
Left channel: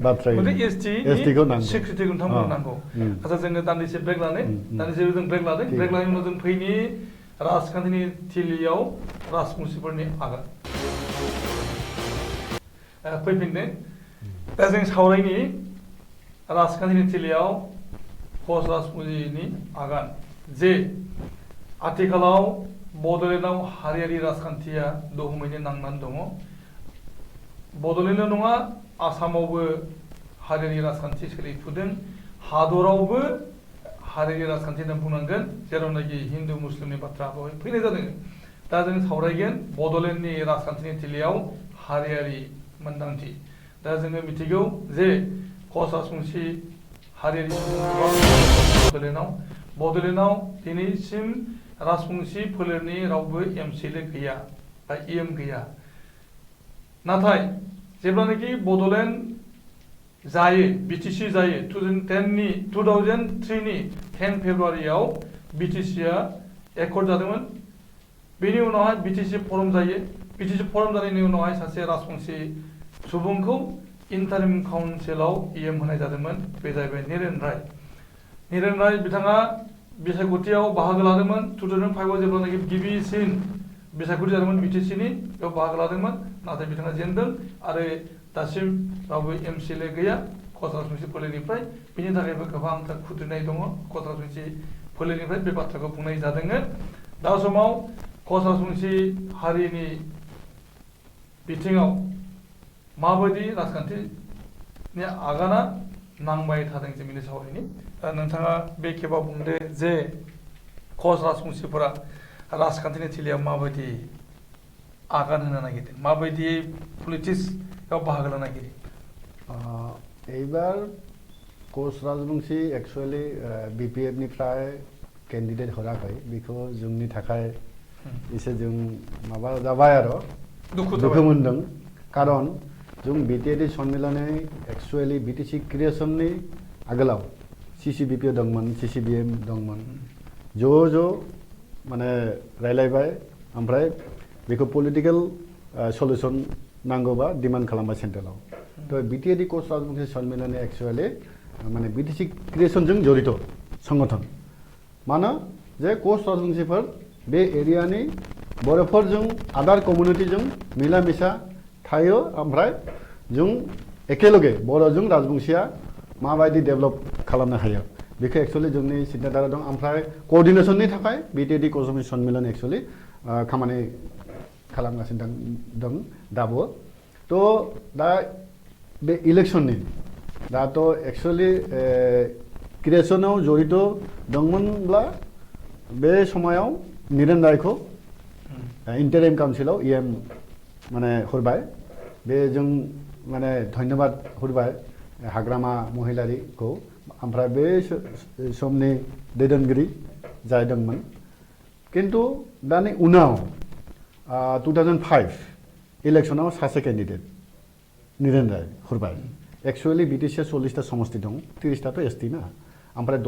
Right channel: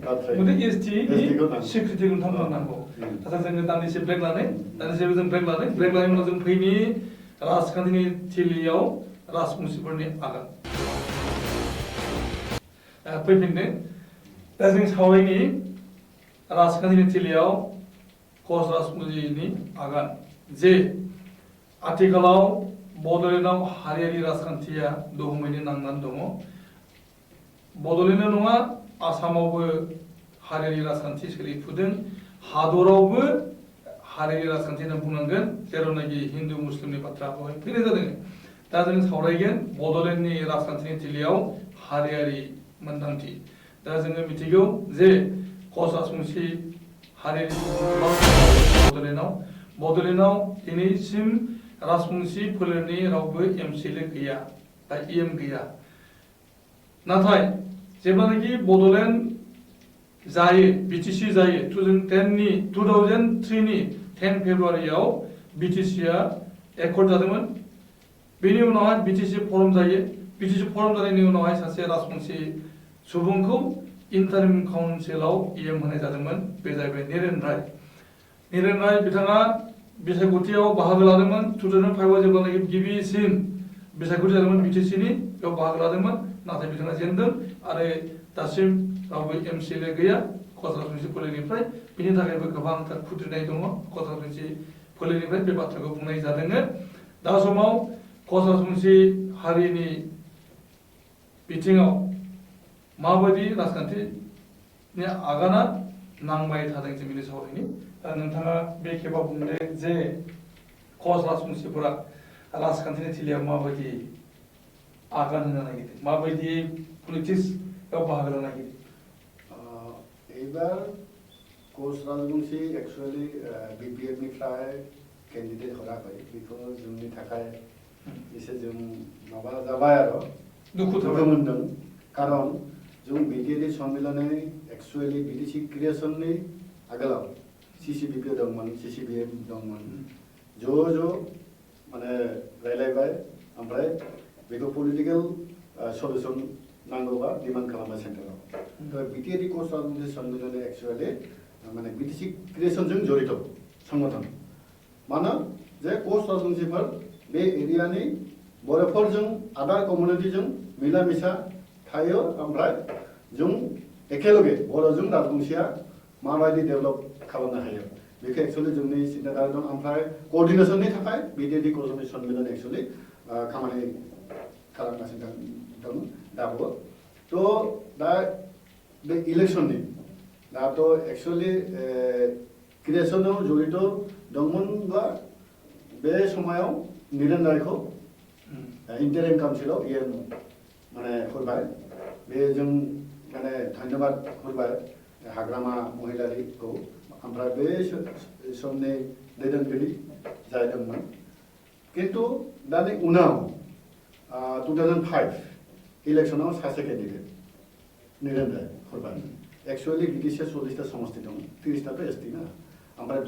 बाथ्राया मुथते ST ST खौ नि नांगौ। सिक्रिटिखौ नोंथांमोननो औ। नांगौ उम। आচ্ছা जोङो दान्दिसे ब्रेक लादों उम। दान्दिसे जों ब्रेक लादों ब्रेक लानायनि उनाव जों फैनि राजखान्थिनि थिलियाव राजबंशिफोरनि आगान फैफिनदों दा जों सावरायनि राजखान्थिनि थिलियाव कच राजबंशिनि आगान जे आथिखालाव बड'लेण्डआव हारियारि राजखान्थिया दोहौमैनो नांनानै दङ बड'लेण्डआव नङा आसामावबो हारियारि राजखान्थि सोलिफुदों हादरावबो हारियारि राजखान्थि होनना बुंनांगोन जेरावनाखि हिन्दु मुस्लिमनि बाथ्रा बेवहाय फैनाय जादों दा जों सावरायगोन बड'लेण्डनि राजखान्थिनि थिलियाव हारियारि मोन्दांथि दा जोङो मिथिगौ जे कच राजबंशी हारियारि बड'लेण्डआव दिनैसिम राजबंशी फोलेरनि रावबो एमसिएलए गैया बा EM गैया नाथाय जेब्लानाखि बड'लेण्ड जायो BTC जायो 2003 नि 10 फेब्रुवारियाव BTC आ एकर्ड जादोंमोन बेनि उनावहाय BTC फरम जायो BTC फरम जानायनि उनावहाय सासे राजबंशी सुबुंखौ इन्टारिम काउन्सिलाव EM होनाय जादोंमोन बे जाहैबाय निरेन राय बिथाङा बिसायख'थियाव बाहागो लादोंमोन 2005 आव जेब्लानाखि गिबिसिन बिसायख'थि जादोंमोन BTC नि बेयाव बाहागो लादोंमन नाथाय बिथाङा जेनदों आरो दासिम रावबो एमसिएलए गैया कच राजबंशी फोलेरनिफ्राय बिनि थाखायबो गोबांथार खुद्रिनाय दङ कच राजबंशी फोलेरनिफ्राय बे बाथ्राखौ बुंनाय जादों दा समाव कच राजबंशी हारिनि बिथिङाव माबायदि राजखान्थिनि आगाना नांबाय थादों जों बिनि सावरायनि दा नोंथाङा बे खेबाव बुंदों जे कच राजबंशीफोरा राजखान्थिनि थिलियाव माबायदि आगान होनो नागिरदों माबायदि पलिटिक्सआव बाहागो लानो नागिरदों এইবাৰ कच राजबंशी एक्चुअली BPF निफ्राय केन्डिडेट हरा হয় बेखौ जोंनि थाखाय एसे जों माबा जाबाय आरो दुखु मोनदों कारण जों BTAD सन्मिलने एक्चुअली BTC क्रिएशननि आगोलाव CCBP दंमोन CCBM दंमोन ज' माने रायलायबाय ओमफ्राय बेखौ पलिटिकल सल्युसन नांगौबा डिमान्ड खालामबाय सेन्ट्रेलाव तो BTAD कच राजबंशी सन्मिलने एक्चुअली माने BTC क्रिएशनजों जड़ित संगठन मानो जे कच राजबंशीफोर बे एरियानि बर'फोरजों आदार कमिउनिटिजों मिला मिसा थायो ओमफ्राय जों एकेलगे बर'जों राजबंशीया माबायदि डेभेलप खालामनो हायो बेखौ एक्चुअली जोंनि सिन्ताधारा दं ओमफ्राय कोअर्डिनेशननि थाखाय BTAD कच राजबंशी सन्मिलन एक्चुअली खामानि खालामगासिनो दं दाबो तो दा बे इलेक्शननि दाथ' एक्चुअली क्रिएशनाव जड़ित दंमोनब्ला बे समायाव निरेन रायखौ इन्टारिम काउन्सिलाव EM माने हरबाय बे जों माने धन्यबाद हरबाय हाग्रामा महिलारिखौ ओमफ्राय बे समनि दैदेनगिरि जाय दंमोन किन्तु दानि उनाव 2005 इलेक्शनाव सासे केन्डिडेट निरेन राय हरबाय एक्चुअली BTC 40टा समष्टि दं 30टाथ' ST ना ओमफ्राय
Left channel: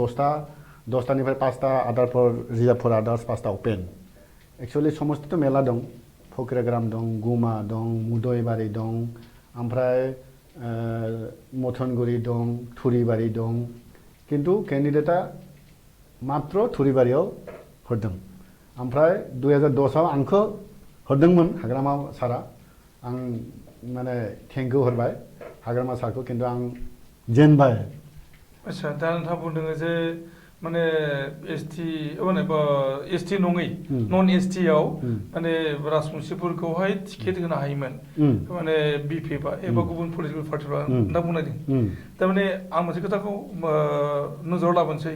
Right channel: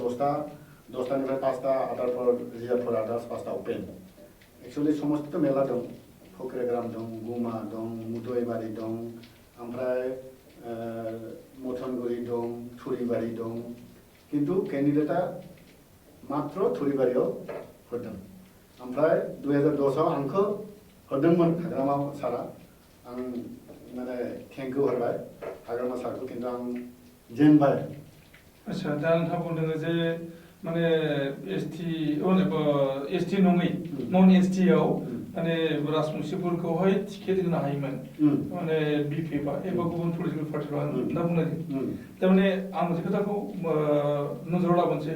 10टानिफ्राय 5टा आदारफोर रिजार्भफोर आदार्स 5टा अपेन एक्चुअली समष्टिथ' मेला दं फक्रेग्राम दं गुमा दं मुदयबारि दं ओमफ्राय मथनगुरि दं थुरिबारि दं किन्तु केन्डिडेटआ मात्र थुरिबारियाव हरदों ओमफ्राय 2010आव आंखौ हरदोंमोन हाग्रामा सारा आं माने थेंक इउ हरबाय हाग्रामा सारखौ किन्तु आं जेनबाय आच्छा दा नोंथाङा बुंदों जे माने एसटी नङै नन एसटी आव माने राजबंशिफोरखौहाय टिकेट होनो हायोमोन माने बिपिएफ एबा गुबुन पलिटिकेल पार्टिफोरा होनना बुंनायदों थारमाने आं मोनसे खोथाखौ नोजोराव लाबोनोसै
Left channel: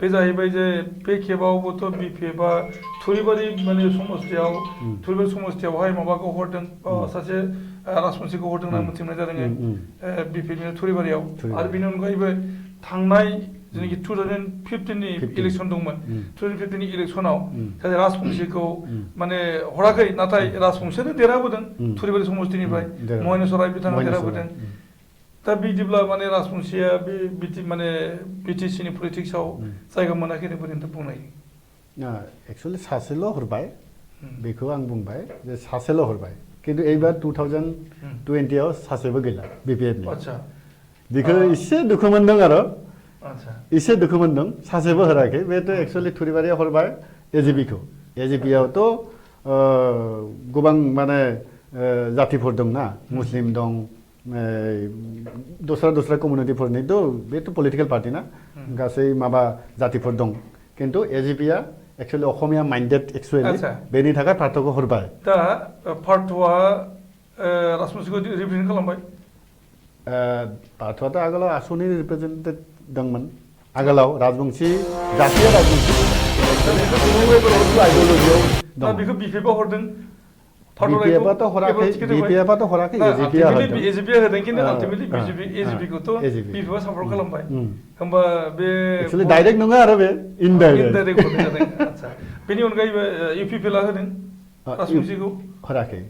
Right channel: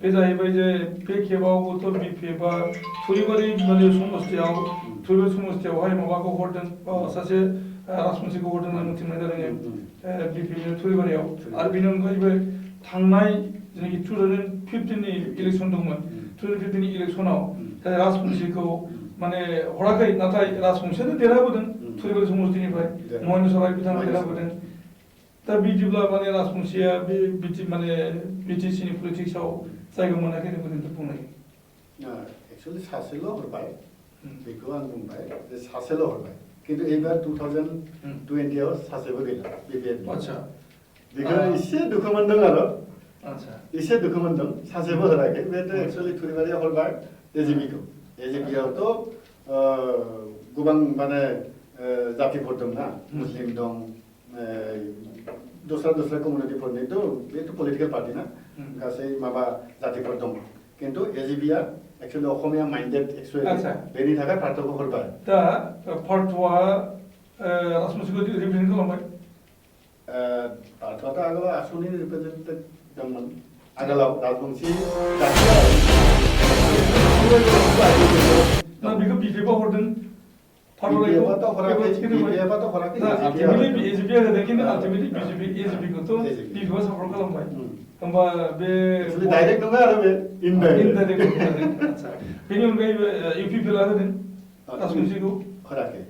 बे जाहैबाय जे बे खेबावबोथ' बिपिएफआ थुरिबारि माने समस्थियावहाय माबाखौ हरदों सासे राजबंशिखौ हरदों होनना मिथिनाय जादों बिपिएफनि थुरिबारियाव आरो बेनि अनगायैबो थांनाय जेनाखि 2015 नि इलेक्सन दंमोन 2015 नि इलेक्सनाव सासे राजबंशिखौ माने हराखै नाथाय राजबंशियानो देरहाबोदों थुरिबारि समस्थिनिफ्राय महेन्द्र सराय बिथाङा देरहाबोदों दा बिदिब्ला माने राजबंशिया बे माने बिटिसि नि पलिटिक्सआव जायगा मोनाखै होनना बुंनाय एक्चुअली सासेल' हरबाय बेखौ आं बुंबाय जे सासेल' हरबाय खिन्थु एबार 2020 आव सासेबो गैला बिपिएफनि आच्छा बेखौ एसे दुखु मोनदों आरो एसे दुखु मोनदों सासेबो हराखै बेथ' एक्चुअली थुरिबारिया हरबाय एजिपियावथ' गोबां माने जातिफोर दंना मुस्लिम दं दस्रा कमिउनिटिफोरनिथ' बेथ' पलिटिकेल पार्टि ना गासै माबा जातिफोर दं खिन्थु एजिपिया एक्चुअली असमिया माइन्डेड एक्चुअली बेनि थाखाय पार्थखौ हरबाय दा पार्थआ राजबंशिखौ रिप्रेजेन्ट खालामबाय पार्थआथ' आगोलाव आसुनि रिप्रेजेन्टेटिभ दंमोन आगोलाव राजबंशी दा बेखौ बिपिएफआ हरदों बिपिएफआथ' हराखै एजिपिया होदों खिन्थु आल्टिमेटलि एजिपिखौथ' बिपिएफआ सापर्ट खालामबाय होमबा बे एक्चुअली डाइरेक्ट नङा आरो बे इनडाइरेक्ट होदों आच्छा बेनि अनगायैबो इउपिपिएलआ होदों राजबंशिखौ हराखै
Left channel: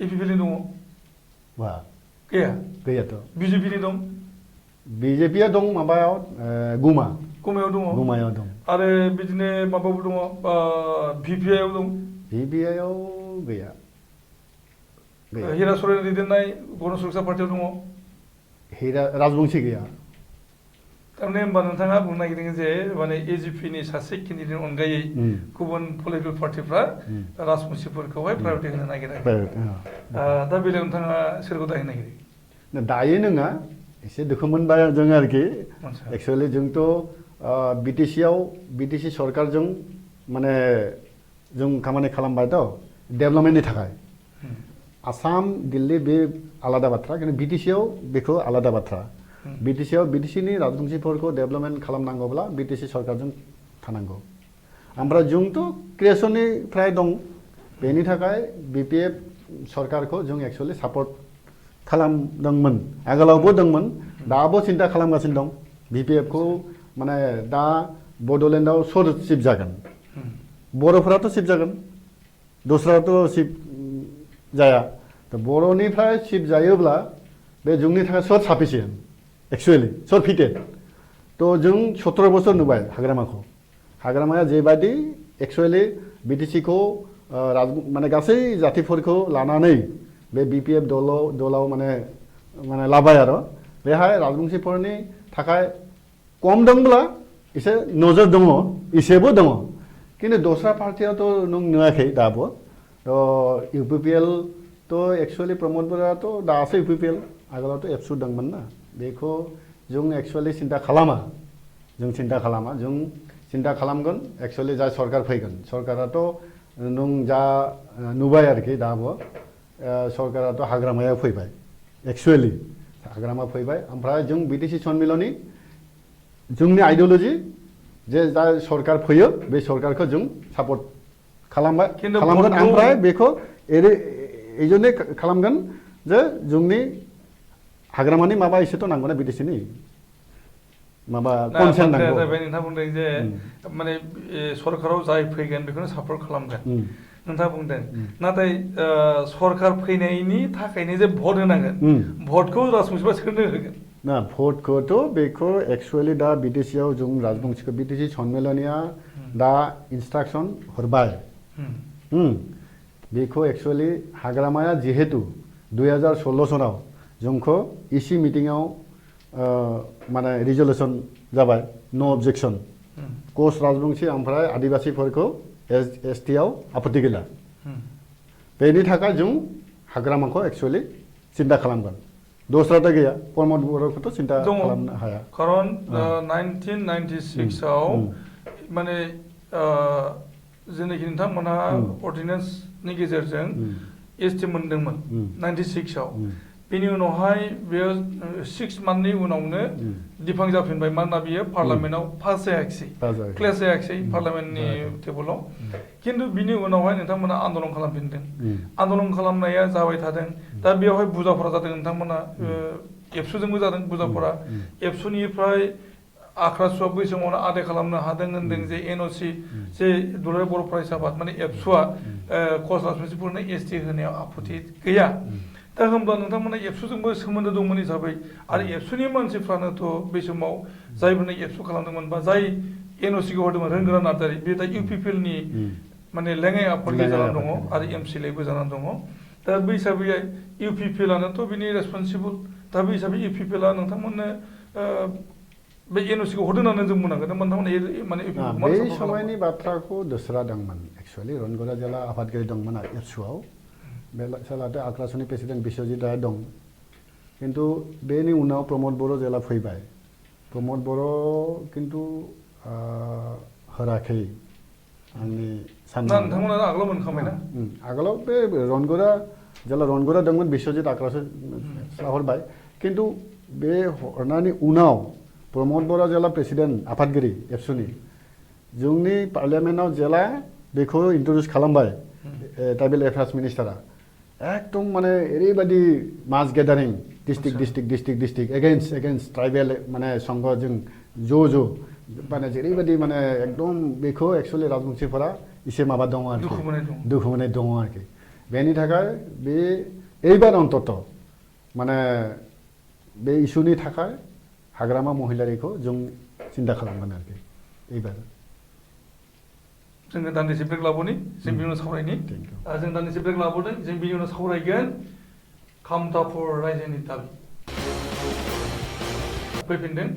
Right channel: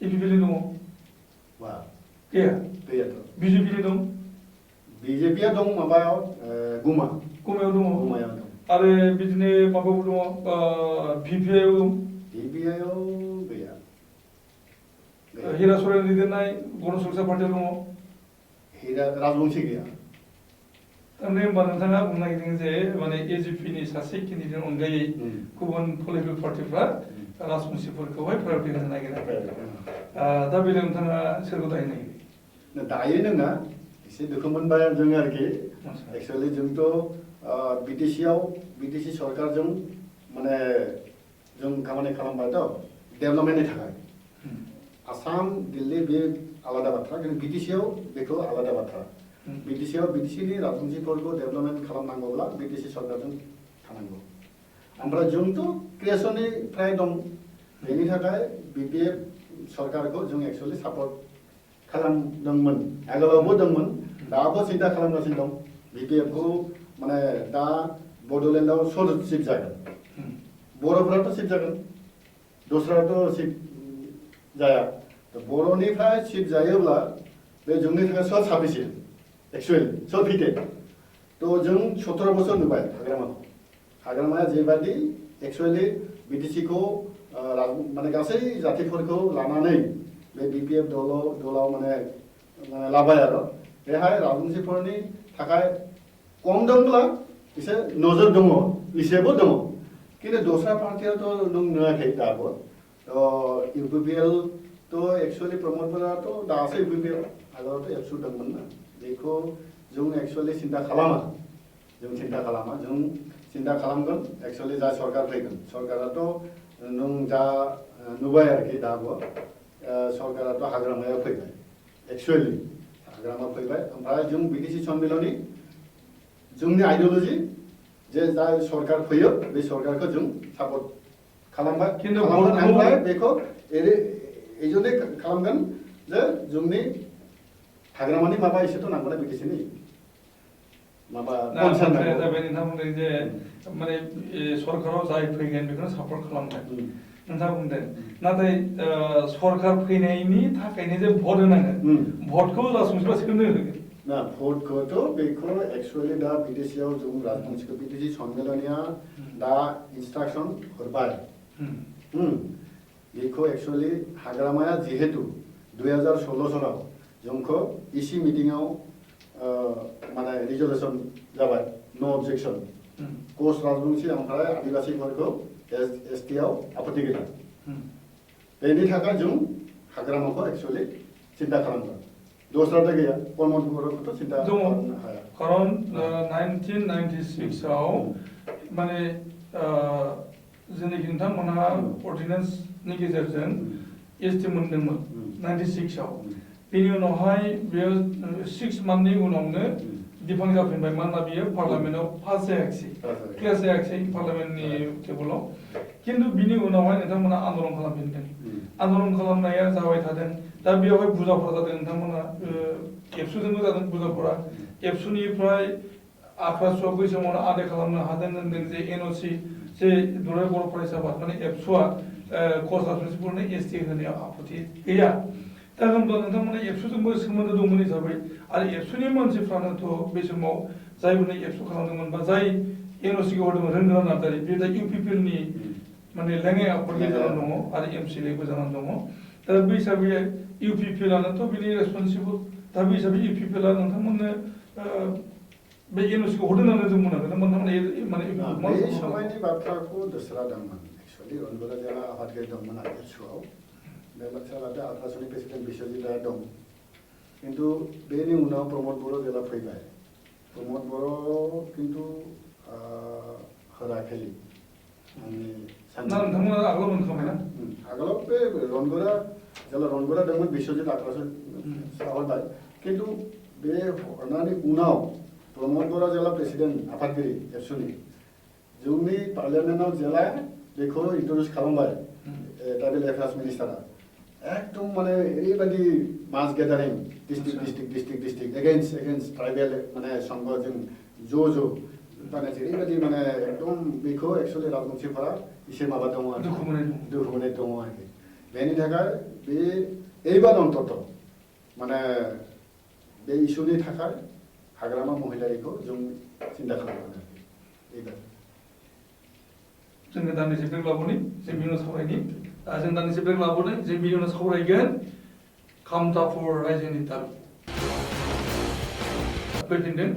इउपिपिएलनि दङ वा गैयाथ' बिजेपिनि दं बिजेपिया दं माबायाव गुमायाव दं आरो बिदिनो माबाबो दङ भिपिआइआव दं भिपिआइआव गैया हिरा सरेन दैदेननाय गण सुरक्षा पार्टियाव दङ राजबंशी गैया थारमाने होनबा नोंथाङा बुंनो नागिरदों जे माने एजिपिनि सासे केन्डिडेटनि अनगायै गुबुन पलिटिकेल पार्टिफ्रा राजबंशिफोरखौहाय प्रायरिटि होनो नागिरा दा बेलायाव नोंथाङा सोरखौ दायो नागिरो दायो नङा एसे दुखु मोनबाय जों आरोखि एक्चुअली जोंथ' बिटिसि सरकारजों माने जों खामानि खालामबायथ' डेभेलपमेन्टनि थाखाय आसाम दिल्ली बे आलादा बाथ्रा खिन्थु बिटिसिआव बेखौ आलादा बाथ्रा बिटिसिनि राजबंशिफोरखौ डेभेलपमेन्ट खालामनांगौब्ला बिटिसि सरकारजों थानांगौ ओमफ्राय जोंथ' क्रिएसननिफ्राय दं बेनि थाखाय बिपिएफ सरकारखौ जों एक्चुअली सापर्ट खालामदोंमोन आगोलावबो दंमोन दाबो सिन्था खालामगासिनो दं बिपिएफखौ माने दा बड'लेण्डआव सोर चिफ जागोन बर'फोराथ' चिफ जागोन दस्राथ' चिफ जाया बर'निफ्राय चिफ जायोब्ला बे जोंनि थाखाय सोर साफिसियेन्ट एक्चुअली सोर फिटेड थ' जों 17 बोसोर नुबाय हाग्रामाया जेबादि एक्चुअली बिटिसिखौ माने गासै जातिफोरखौ लानानै बे बिपिएफ दलाव माने लाबाय आरो बेहाय राजबंशिफोरनि थाखाय खम दंब्ला एसे नोजोर दङ एसेबो दङ खिन्थु दस्रा पार्टियाथ' नों नुवाखै दाबो इउपिपिएलथ' एक्चुअलि प्रमदफोराथ' दासो इउपिपिएल आगोलावथ' एबसु दंमोन ना बेखौ जों एक्चुअलि सिन्था खालामा जों सिन्था खालामगोन एक्चुअलि जा सरकार फैगोन सरकाराथ' नों जा नुबाय आरोखि दाबो सरकाराथ' हाग्रामायाव फैबाय एक्चुअलि हाग्रामा फैबाय ओमफ्राय जों बिटिसि सन्मिलननि जोंनि आइडियोल'जि जे जा सरकार फैयो बे सरकारखौ जों सापर्ट खालामगोन ओमफ्राय बेखौ एजोंनो खालामगोन जे जोंनि हाग्रामानि माबा एसेथ' नांगौना बिटिसिनि माबा कनसार्न नांगौ नोंथाङा बुंदों जे माने सरकाराव जाय फैगोन बेखौनो सापर्ट खालामगोन नोंथाङा बुंदों नाथाय सरकार फैनायनि थाखायनो जे भट होनांगोन भटखौ राजबंशिफ्रा सोरनो होगोन ना भटखौथ' बेखौ एक्चुअलि दा बिटिसिआव जों राजबंशिखौ बिटिसि सन्मिलनिया दा इन्सट्राक्सन हरबाय बेखौ एक्चुअलि हाग्रामाया जिहेतु 2016 सनाव जोंखौ इसि मिटिङाव माने रिजल्युसन जाबाय नो अबजेक्सन कच राजबंशी ओमफ्राय आदिबासिफोरखौ एसटिआव आपत्ति गैला बेनि थाखाय जों हाग्रामाखौ एक्चुअलि सिन्था खालामगोन दस्राथा गैया प्रमद बर'खौथ' सिन्था दङ खालामनो हाया खारन 1996 आव माने जेनाखि नोंथांमोनहा अर्डिनेन्सनि गेजेरजों एसटि मोनदोंमोन 96 आव बेनि उनावहाय बेयो 6 मान्थनि उनावनो दिफां जाफिनबाय मानोना बियो पार्लामेन्टआव पास जायाखिसै क्लेस जायाखिसै पार्लामेन्टनि टेबोलाव खिन्थु बिनि उनावहाय नोंथांमोना आन्दलन खालामफिनदों आन्दलन खालामनाया जाबाय थादों दा बेयावहाय बुजाफोरा जादों नोंथांमोना एबसुजोंबो जादों बुजाफोरा एबसुनिफ्राय आख्रासुआ बै समावनो आदाय खालामनो हादों होनदों जे एनअसि जे दुलाराय बर' फरायसा आफाद माने एबसुआ कच राजबंसिफोरनो एसटि होनायाव आपत्ति गैया दा होनबा नोंथांमोना एबसुजोंबो सोमोन्दो दंमोन हिसाबै आरो एबसुनि मानसिफ्रानोथ' बे समाव जायफोरनो एबसु खालामदोंमोन बा जाय एनअसिखौ होदोंमोन रोंगोरा नार्जारि बे दा इउपिपिएलनि माने लेङाइ आफादबो जानानै दङ आरो एमसिएलएबो जानानै दङ दा बे हिसाबै इउपिपिएलआनोथ' बिनि रेसपन्सिबल दा बे हिसाबै इउपिपिएलआ नोंथांमोननो बे एनअसिखौ हरदों होननानै जों बुंनांगोन नोंथांमोना माने बै समायनि बाथ्राखौ दोस्रादोंमोन एक्सुवेलि रनगरा जिल्ला आफादगिरि दंमोन एबसुआव बे सालाथे आख्रासुनि प्रेसिडेन्ट बिश्वजित राय दं खिन्थु बेनि उनाव प्रमद बर' जेला फैबाय प्रमद बर' खिन्थु होराखै आंनि नोंथांमोना आगोलाव मोनखांबायना आगोलाव बे रनगरा जेला रनगरा दंमोन बिश्वजित आख्रासु हरबाय खिन्थु बे हरनायनि उनाव प्रमद बर' जेला प्रेसिडेन्ट आफादगिरि एबसुनि जोंनि पार्लियामेन्टआव जेला बेखौ इन्ट्रडिउस खालामबाय ट्राइबेल एफेयार्स मिनिस्टारा एकदम माने ओरैबायदि मास गेदारिं डिस्ट्रिक्ट एगेन्स्ट ट्राइबेल माने संघजों ज' माने जेरैबायदि माने एकदम बेखौ एक्सुवेलि राजबंसिफोरा एसे माबा दङ आरोखि दुखु मोननाय दङ आरोखि बेनि थाखाय बे এইবার অন্তত মানে बे इस्युनि थाखाय हाग्रामा महिलारिखौ जों सिन्था खालामगोन आरोखि এইবার जोङो दान्दिसे ब्रेक लाबोनि जों बिनि उनाव सावरायनि जों दान्दिसे ब्रेक लाबोदों जों बिनि उनाव सावरायगोन खामथाफुर रायजोनि दाबि फैफिनदों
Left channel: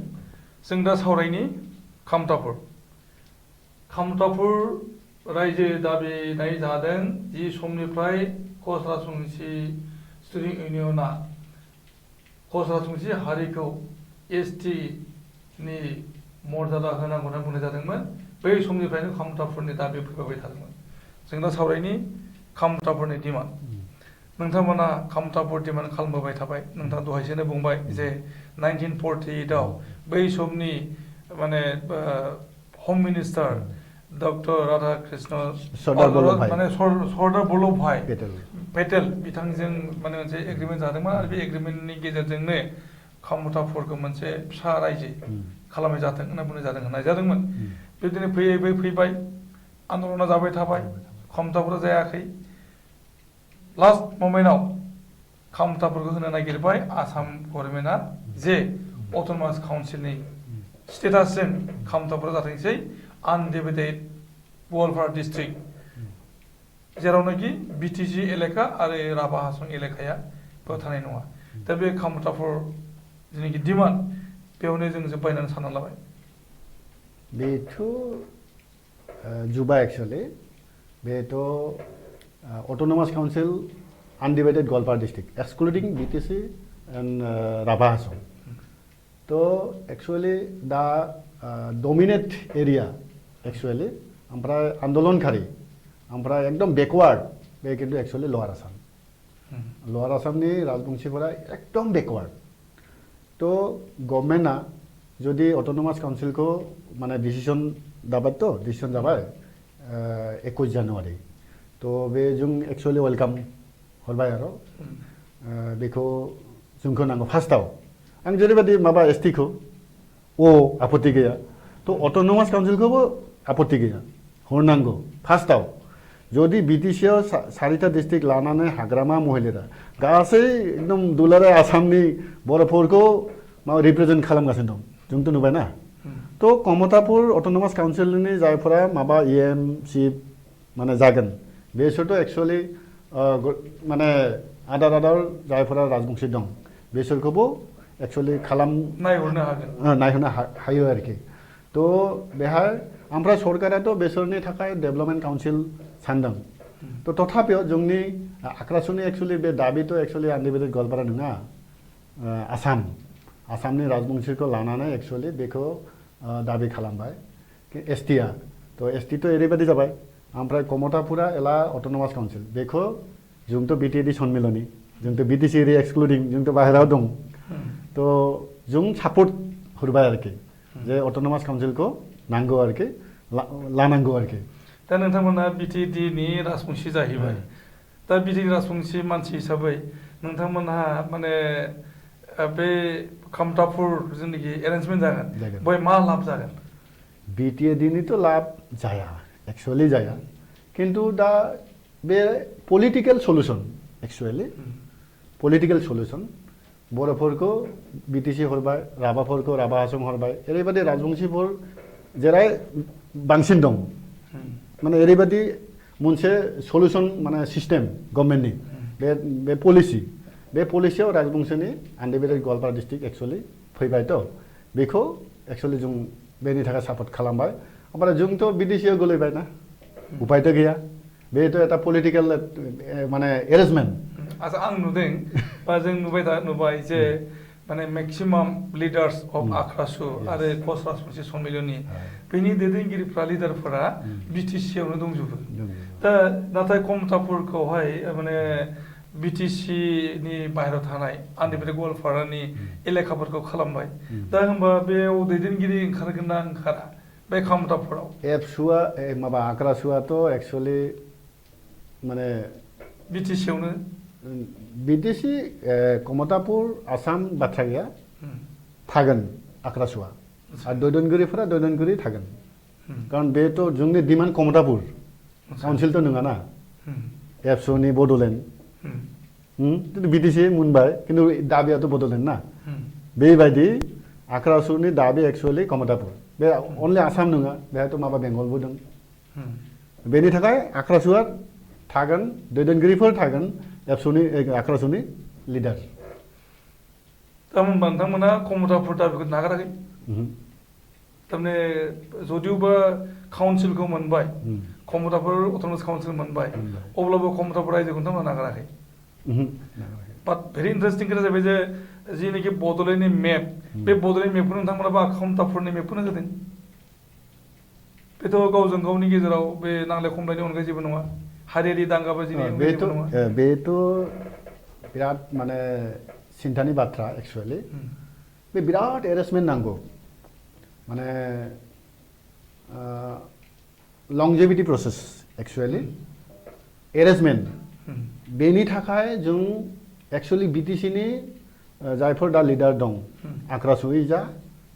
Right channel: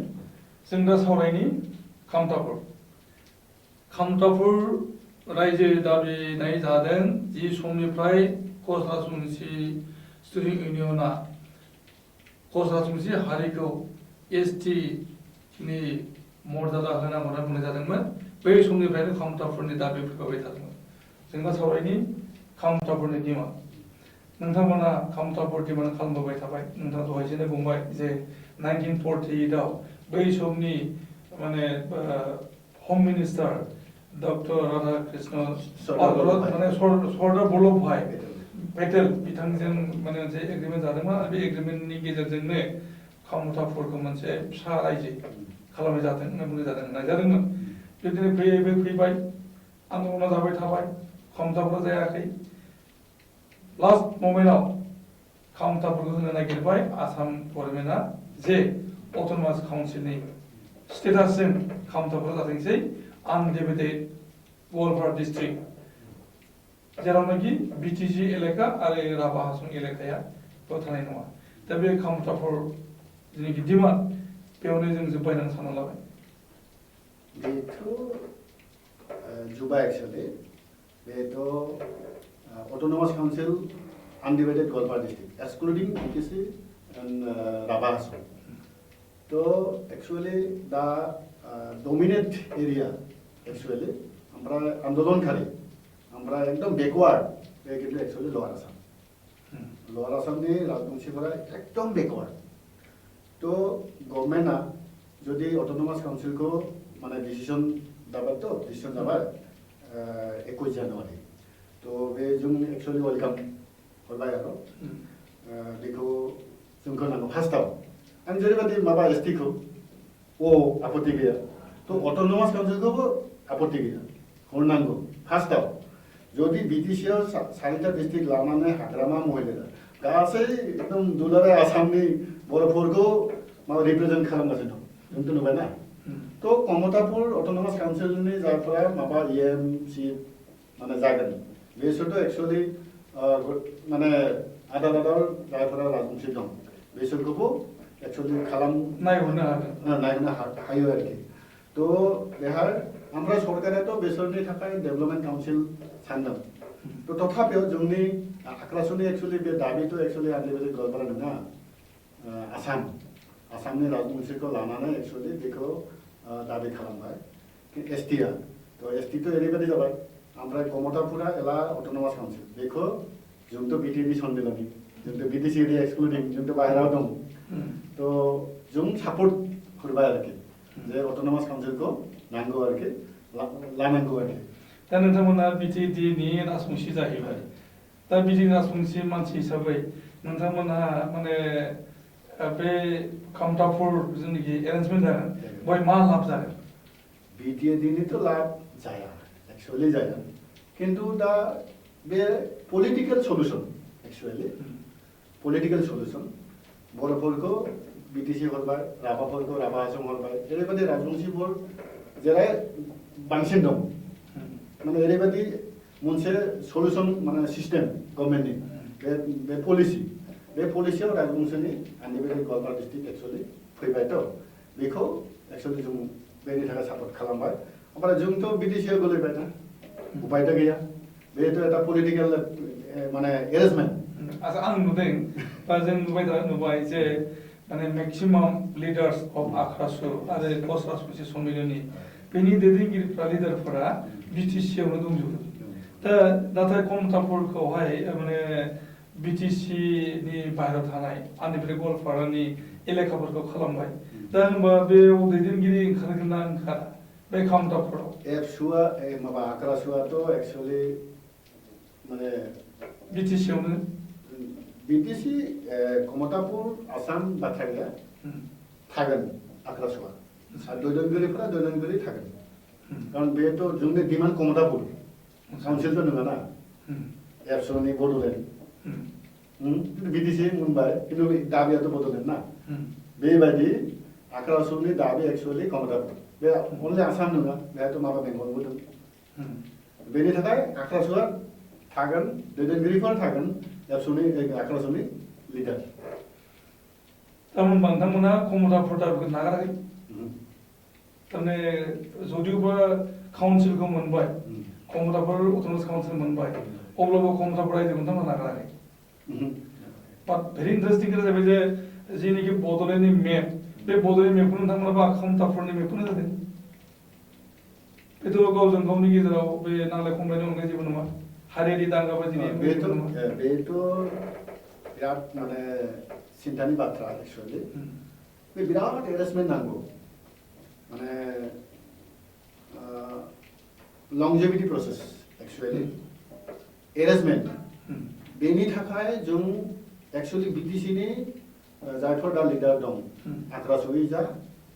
जों दा सावरायनि खामथाफुर रायजो दाबिनाय जादों जि समनिफ्राय कच राजबंसि स्टुडेन्ट इउनियना कच राजबंसि हारिखौ एसटि नि मर्यादा होनांगौ होनना बुंनाय जादोंमोन बै समनिफ्रायनो खामथाफुरनि दाबि फैबाय थादोंमोन जों दा सावरायनि खामथाफुरनि डिमान्ड नोंथांमोना खामथाफुर डिमान्ड खालामबोबाय थाबाय नोंथाङा दहायसोनो बुंबाय जे 1948 आव बै समनि माने होम मिनिस्टार डक्टर राधा कृष्ण माने सरदार बल्लभ भाई पेटेल बिथांजों माने मोनसे एग्रिमेन्ट जादोंमोन आरो बे एग्रिमेन्टनि गेजेरजोंनो खामथाफुरखौ मोनसे फिसा रायजो खालामनाय जाथों होनना बुंनाय जादोंमोन बिदिनो फैबाय आन्दलना जाबाय थाबाय खामथाफुरा जायाखै लास्ट मोमेन्टआव खामथाफोरखौ होनो नागिरबाय आसाम गभर्नमेन्टआ जे अट'नमास काउन्सिलनि स्टेटासजों खामथाफोरा जाथोंसै आनडिभाइडेड गवालपारा डिस्ट्रिक्ट जेरावनाखि बिटिसि एलेका आरो राभा हासं एलेकाया बेयाव थानाय नङा दा बे खामथाफुर जेनाखि डिमान्ड बेयावनो जों जोब्बाय होननानै सानना लाबाय बेथ' जुबा एक्सुवेलि बेथ' अट'नमास council undivided Goalpara district excluding BTC and Rabha Hasong तो एक्चुअली दा डमिनेट एरिया एक्चुअली ओमफ्राय आन्दलनखारि ओमफ्राय एकदम बेकवार्ड बे किन्तु एक्चुअली लवार आसामनि राजबंसिफोरा एकदम बेकवार्ड तो गभर्नमेन्टआ जुदि अट'नमास काउन्सिलखौ माने डिसिसन जाबाय 21 जानुवारि तो बे जों एक्चुअली वेलकाम हरबाय आरो बेखौ जोंखौ नांगौ फार्स्टआव आं जेरैबायदि माबा एसटिखौ आपत्ति गैया तो अट'नमास काउन्सिलखौबो आपत्ति गैया हरनांगौ फार्स्टआव जुदि बिटिसिआव 4टा डिस्ट्रिक्ट लानानै हाग्रामा महिलारा गासै एकदम दुलाराय आसामनि बर'फोरखौ माबा रिप्रेजेन्ट खालामगासिनो दं जोंथ' नुबायना तो कमतापुर अट'नमास काउन्सिलनि जायफोरा माबा EM सिट माने जागोन बेसोरथ' एक्चुअलि माने आदार जायफोरा राजबंसि दं बेसोरखौबो एक्चुअली नायहरनो हायो आरोखि तो बेहाय ओमफ्राय सरकाराथ' बेसोरनि थाखाय डेभेलपमेन्ट काउन्सिल सानदों तो तथापिও जोंनि आख्रासुनि एक्चुअली बे दाबिथ' एक्चुअली आनडिभाइडेड गवालपारा नङा आसामनि राजबंशिखौ लानानै एक्चुअलि बेखौ दाबि खालामबाय एसटिआ थ' एसटिथ' ओरैबायदि जाबाय ओमफ्राय कमतापुरा एला अट'नमास काउन्सिल बेखौ जोंथ' बिटिएडि सन्मिलनि जोंथ' बिटिसि एरिया एक्सक्लुडिं जोंथ' बाहेरायाव दं थ' जों सापर्ट होबाय आरोखि जे अट'नमास काउन्सिलखौ नांगौ आरोखि लानांगौ आरोखि दा नोंथांमोना बिटिएडिनि राजबंसि जाहैबाय दा बिटिएडि राजबंसि मानसि हिसाबै नोंथांमोनहा माने बे कमतापुर जेनाखि एरेन्जमेन्ट जागोन बेवहाय मा लाब जागोन बिटिएडिनिथ' लाब जाया एक्चुअलि जाया किन्तु दा बे political solution actually political solution बर'फोरखौ बिटिसि हरबाय राभाफोरखौ राभा हासं हरबाय ओरैबायदि राजबंशिफोर जेराव बांसिन दं माने ओरैबायदि मोनसे सल्युसन माने सिस्टेम गभर्नमेन्टनि बे पलिसियाव राजबंशिनि आन्डिभिजुवेल गवालपारा डिस्ट्रिक्ट एक्चुअलि फैबायथ' बेखौ एक्चुअलि जों बेनि थाखाय सापर्ट खालामबाय ओमफ्राय जोंथ' बिटिसिआव गोलैबाय ना उपायथ' गैया बेथ' एटा पलिटिकेल माने एरेन्जमेन्ट आसा आं नुदों बा जों नुबाय जे माने मेक्सिमाम लिडार्स अफ आख्रासु आरो पस्ट राजबंसि सन्मिलनि बेनि दैदेनगिरिफ्रा लिडारफोरा बिटिसिआवनो दंजोबो दा नाथाय कमतापुरखौहाय माने बिटिसिनि बाहेरायाव थानाय आन्डिभिजुवेल गवालपारानि एलेखाफोरखौ खालामबाय दा होनबा बेयाव दैदेनगिरि ओंखारगोन ना ओंखारा बे कमतापुराव एबसुआ माबा आख्रासुआथ' एक्चुअलि माने बिटिसिआवनो बिटिसि कमतापुर आसाम बाथ्रा गैया थागोन आख्रासुआ आरो दैदेनगिरिफोरा दैदेनगिरि थागोन कारण बेथ' जोंनि डिमान्ड कमतापुर काउन्सिलथ' नङा ना एबसुनि बड'लेण्ड बिटिसि मोनबाय किन्तु दाबियाथ' बड'लेण्ड ना बेबायदि आख्रासुनि दाबि एक्चुअलि कमतापुर बे अनलि आसाम नङा बेहायथ' माबा बेंगलबो दं बेनि थाखाय आख्रासुआ थागोन दैदेनगिरिफोर थागोन एबसुनि आख्रासुनि लिडार थारमाने नोंथांमोना कमतापुर दाबिखौ नागाराखै थारमाने जदिवबा काउन्सिलखौ मोनबाय कमतापुर अट'नमास काउन्सिल मोनबाय अब्लाबो कमतापुर रायजोखौ नोंथांमोना नागाराखै बाट भेरि इन्टारेस्टिं खोथा जाबाय जे जेनाखि बड'लेण्डनि मेप बे बड'लेण्ड मेपखौ नोंथांमोना कमतापुरनि मेपखौनो होदों बेथ' गावजों गावनि गेजेराव बे नांलाय खमलायनि अनगायै जेबो नङा हारियारि दांगा बाजिनि बेथ' बिराद माने सिन्थानि बाथ्रा एक्चुअलि बे बिराद एरेन्जमेन्ट नांगौ माने लंजेभिटी प्रसेस एक्चुअलि एरेन्जमेन्ट बेनि थाखाय जों एक्चुअलि बिटिसिनि जायफोर दा लिडार दं आख्रासुयै जा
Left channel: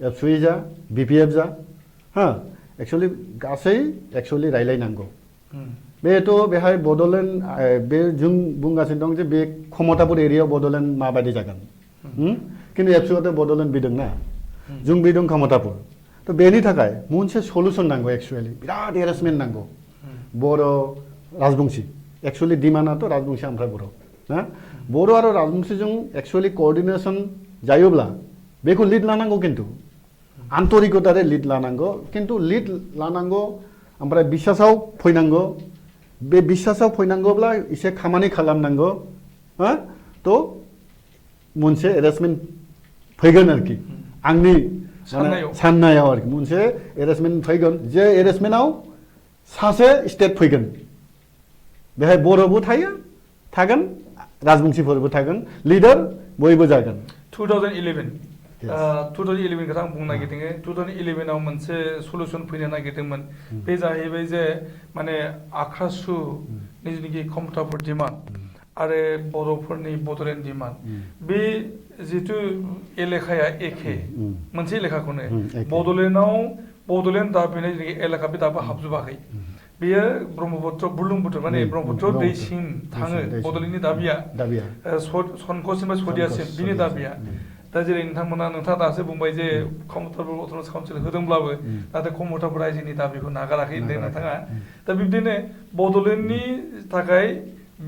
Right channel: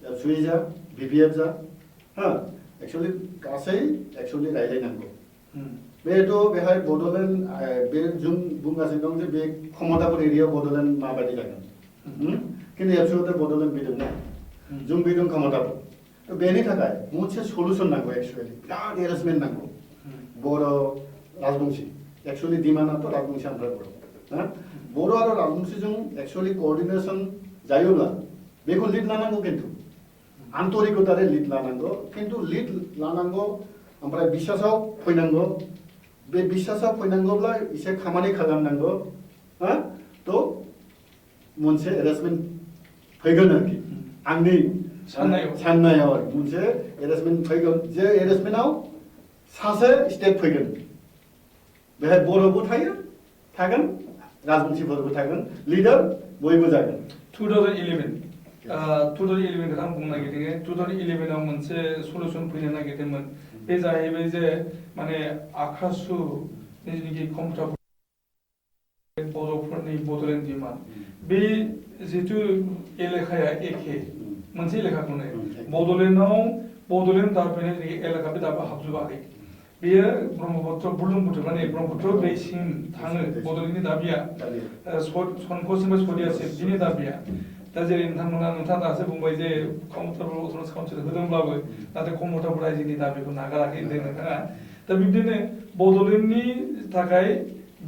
एबसुयै जा बिपिएफ जा एक्चुअलि गासै एक्चुअलि रायलायनांगौ बेथ' बेहाय बड'लेण्ड बे जों बुंगासिनो दं जे बे कमतापुर एरियायाव बड'लेण्ड माबायदि जागोन किन्तु एबसुआथ' बड'लेण्ड बिदों ना जों बिदों कमतापुर थ' बेनि थाखाय मोनसे सल्युसन नांगौ एक्चुअलि बिराद एरेन्जमेन्ट नांगौ बर' राजबंसि एक्चुअलि डिमान्डआथ' राजबंसि ओमफ्राय बर' आरो राजबंसिजों एक्चुअलि क'अर्डिनेसन जायोब्ला बेखौ लिड लानांगौ किन्तु आन्तरिकतारै लिड लानांगौ किन्तु लिड लानांगौ ओमफ्राय बिसासाव फैनांगौ बे बिसासाव फैनांगौब्ला एसे खामानि खालामनांगौ थ' मोनसे एरेन्जमेन्ट फैगोन आरोखि आंनि साननायाव आरोखि मोनसे एरेन्जमेन्ट फैगोन जे एरेन्जमेन्टआव सासे स्टेट फैगोन बेहाय बर'बो थागोन राजबंसिफोरबो थागोन लिडार बयबो जागोन 2011 खोथा आं बुंनो नागिरदों 2011 आव मोनसे सल्युसन फैनो नागिरदोंमोन बे जाहैबाय जे माने आख्रासुनि जेनाखि कमतापुर डिमान्ड आरो बर'फोरनि बड'लेण्ड डिमान्ड बे जिथु एलेखाया एखे मोनसे एलेखाखौनो बड'लेण्डआव बड'लेण्ड दाबिनाय जेनाखि एलेखा बे दाबो हाबजोबाखै बेयो ब्रह्मपुत्र बुरलुंबुथुर माने ब्रह्मपुत्र दैसिम थाङो बड'लेण्डनि दाबिया संकसनिफ्राय सदियासिम बिनि दाबिया दा जेरै नोंथाङा दासो बुंबाय जे कमतापुर अट'नमास काउन्सिल होदोंब्लाबो नाथाय कमतापुर रायजोनि दाबिखौ नागाराखै होनदों नोंथाङा दा बिब्दिनो बड'लेण्डनि थाखाय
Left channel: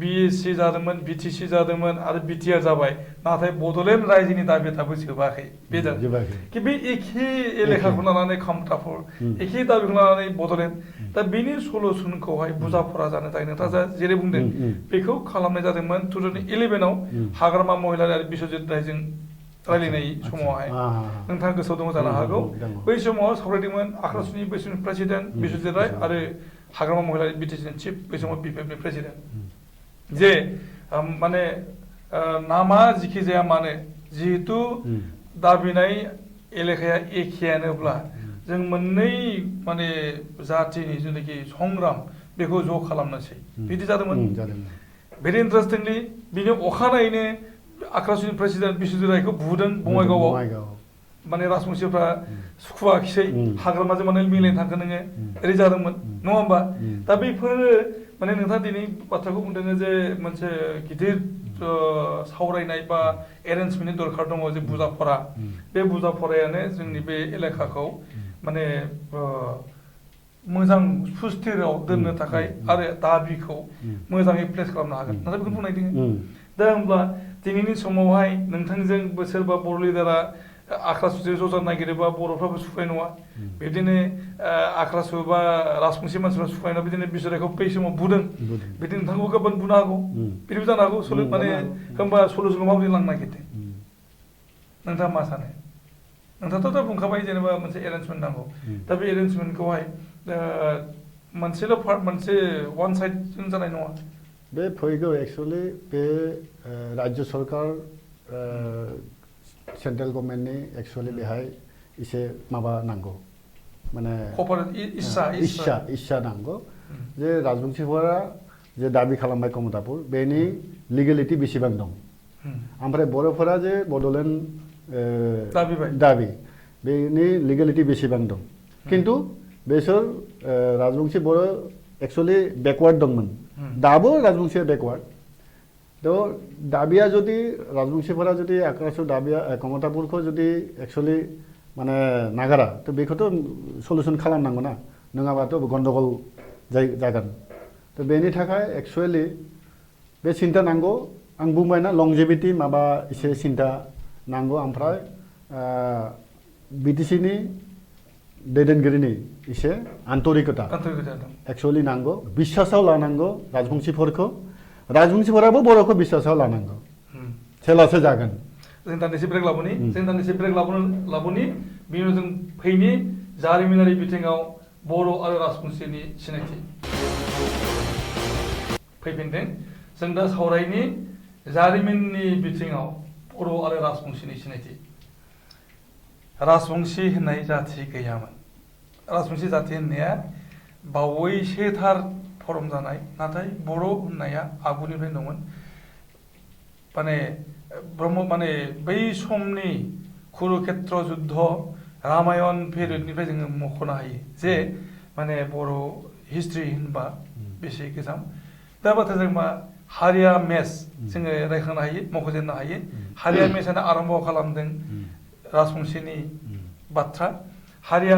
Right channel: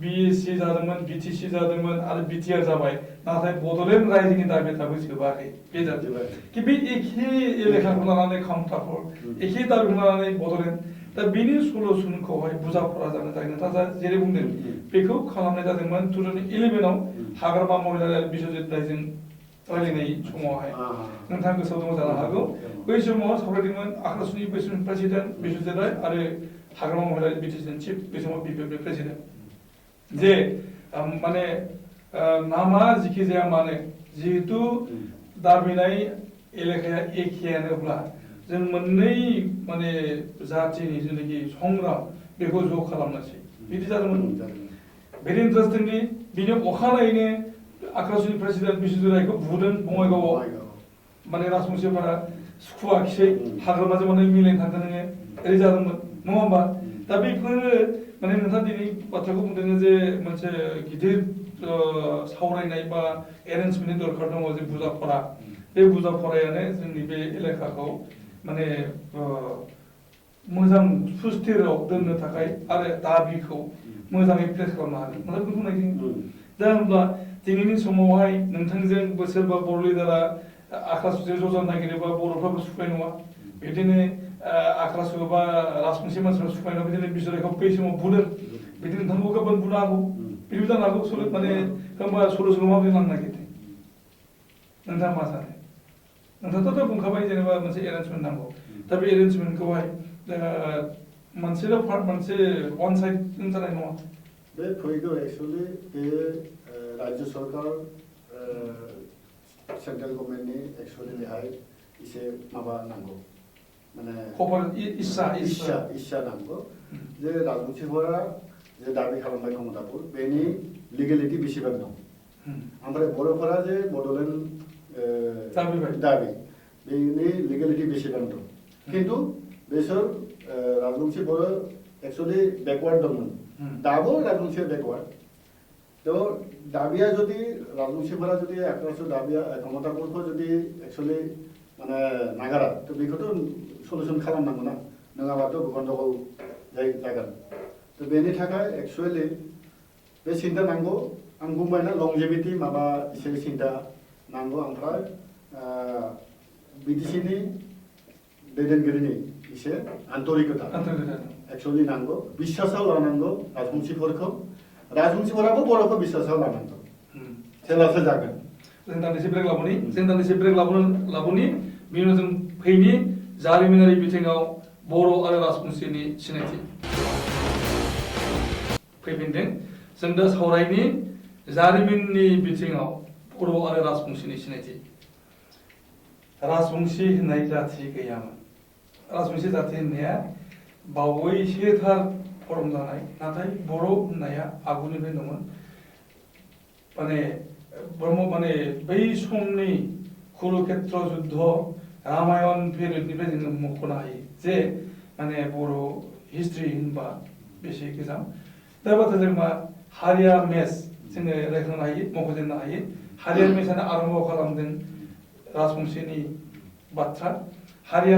बिएससि जादोंमोन बिटिसि जादोंमोन आरो बिटिआर जाबाय नाथाय बड'लेण्ड रायजोनि दाबि दाबो जोबाखै बे बे एखे एलेखाखौ लानानै कमतापुर एखे दाबिखौ लानानै बड'लेण्ड दा बेनि सल्युसनखौहाय बुजाफोरा जानो थाखाय नोंथाङा जेरै बुंदों बेखौ खालामनाय जादोंमोन 2011 आव हाग्रामा महिला बिश्वजित रायजों रायलायनाय समावहाय नोंथाङा गोसोआव दङ जानो हागौ बै समाव सावरायदोंमोन आक्रासनि बैसोनि प्रेसिडेन्ट बिश्वजित राय आरो हाग्रामा महिला बिटिसिनि चिफ बै समाव बिपिएफनि प्रेसिडेन्ट जे माने नामा जिखि जाया मानो जिहेतु दाबिनाय एलेखाया एखेयानोब्ला जों मोननै माने जातिनि जेनाखि संग्राम बेखौ ज' खालामनोसै बिदि जादोंमोन भेरि इन्टारेस्टिंलि बिनि अखानायैनो आक्रासनि प्रेसिडेन्ट बिश्वजित रायखौ बुदों बङाइगावआव माने राजबंशिफ्रा सुखुवाखिसै हाग्रामाजों माने मिलायनो थांगोन नोङो ओरै जादोंमोन नङा होमबा दा बेफोरो माने नोंथाङा दिनै बाथ्राखौ बुंदों जे मोनसे गिदिर सावरायनाय बा एरेन्जमेन्टनि दरखार दङ जे बुजाफरा बे बुजाफरायानो जोंनि बे एलेखाखौ माने मोजां सुस्थिराव दोननो थाखाय आरो दाबिखौ मोजाङै प्लेस खालामनो हागोन नाथाय बेखौ बुंनायदों दा होमब्ला दिनैनि समावहाय नोंथांजों सोरबा बर' लिडारा आक्रासुजों ज' जानो नागिरोबा बर'फ्राबो सुखुनाय नङा बिदिनो आक्रासु बा राजबंशी मानसिफ्रा सुखुनाय नङा बिदिनो बिसोरखौ बै समाव बुदों बिदिनो नोंथांखौ गोबां बुनो हागौ बिदिबो जानो हागौ माने होमबा सलुसनखौ माबोरै लांनो नागिरदों नोंथाङा मा सानो नोंथाङाथ' दा बुंखाबाय जेनेबा मोनसे एरेन्जमेन्ट नांगौ दा बे एरेन्जमेन्टखौहाय मोनसेल' पार्ट मोनसे वान साइडजों जानाय नङा बे फैगौ एक्चुअली बे राज्य सरकार सेन्ट्रेल गभर्नमेन्टनि एक्चुअली बेहाय एसे माबा नांगौ माने इस्सा नांगौ जे राजबंशीफोरा जे दाबि खालामनाय क्षमताफोर बेनि लिगेलिटि बेसेबां दं ओमफ्राय बर'फोरा जे बड'लेण्ड दाबि बेनि लिगेलिटि बेसेबां दं खिन्थु बेसोर राजबंशी बर' एक्चुअली बेकवार्ड दंमोन दाबो राजबंशीया बेकवार्ड थ' दाबिया जुदि राजबंशीफोरा जुदि आक्रासु दाबिया क्षमताफोरखौ जुदि एक्चुअली माने नागारा थ' बेखौथ' सलुसन खालामनांगौ ना नङाबाथ' गन्दगल जागोन थ' बेनि थाखाय एक्चुअली बे सिन्था नांगौ आं बुंबायना लंजिभिटि माबा एसे सिन्था नांगौ ओमफ्राय बिटिसिनि दैदेनगिरिनि एसे आन्तरिकता एक्चुअली नांगौ बिश्वासाव लानांगौ राजबंशीफोराबो बर'खौ बिश्वासाव लानांगौ सेलासो जागोन जों दान्दिसे ब्रेक लाबोनि बिनि उनाव जों फैनि जारिमिनारि बिथिङाव बर' आरो राजबंशीनि सिनायथि फैफिनदों जों दा सावरायनि जारिमिननि बिथिङाव बर' आरो राजबंशीनि सिनायथि राजबंशी होननाय जाथि गैयामोन राजबंशी जाथि होननाया बावैसोथार फर्म जानाय नाथाय बर' होननाया आगुनिफ्राय दंमोन माने ब्रह्म माने बै समनि कुरुक्षेत्र जुद्ध रामायण पिरियडनिफ्राय जोङो मख'नो हायो जे माने बर' हिस्ट्रि होनबा बेसे गोजाम दा बाथ्राजों मा हारिया मेस जोङो रायखांनो हायो मख'जेननो हायो हारिया मेसआनो आरम्भ खालामदों राजबंशीनि बाथ्रा हारिया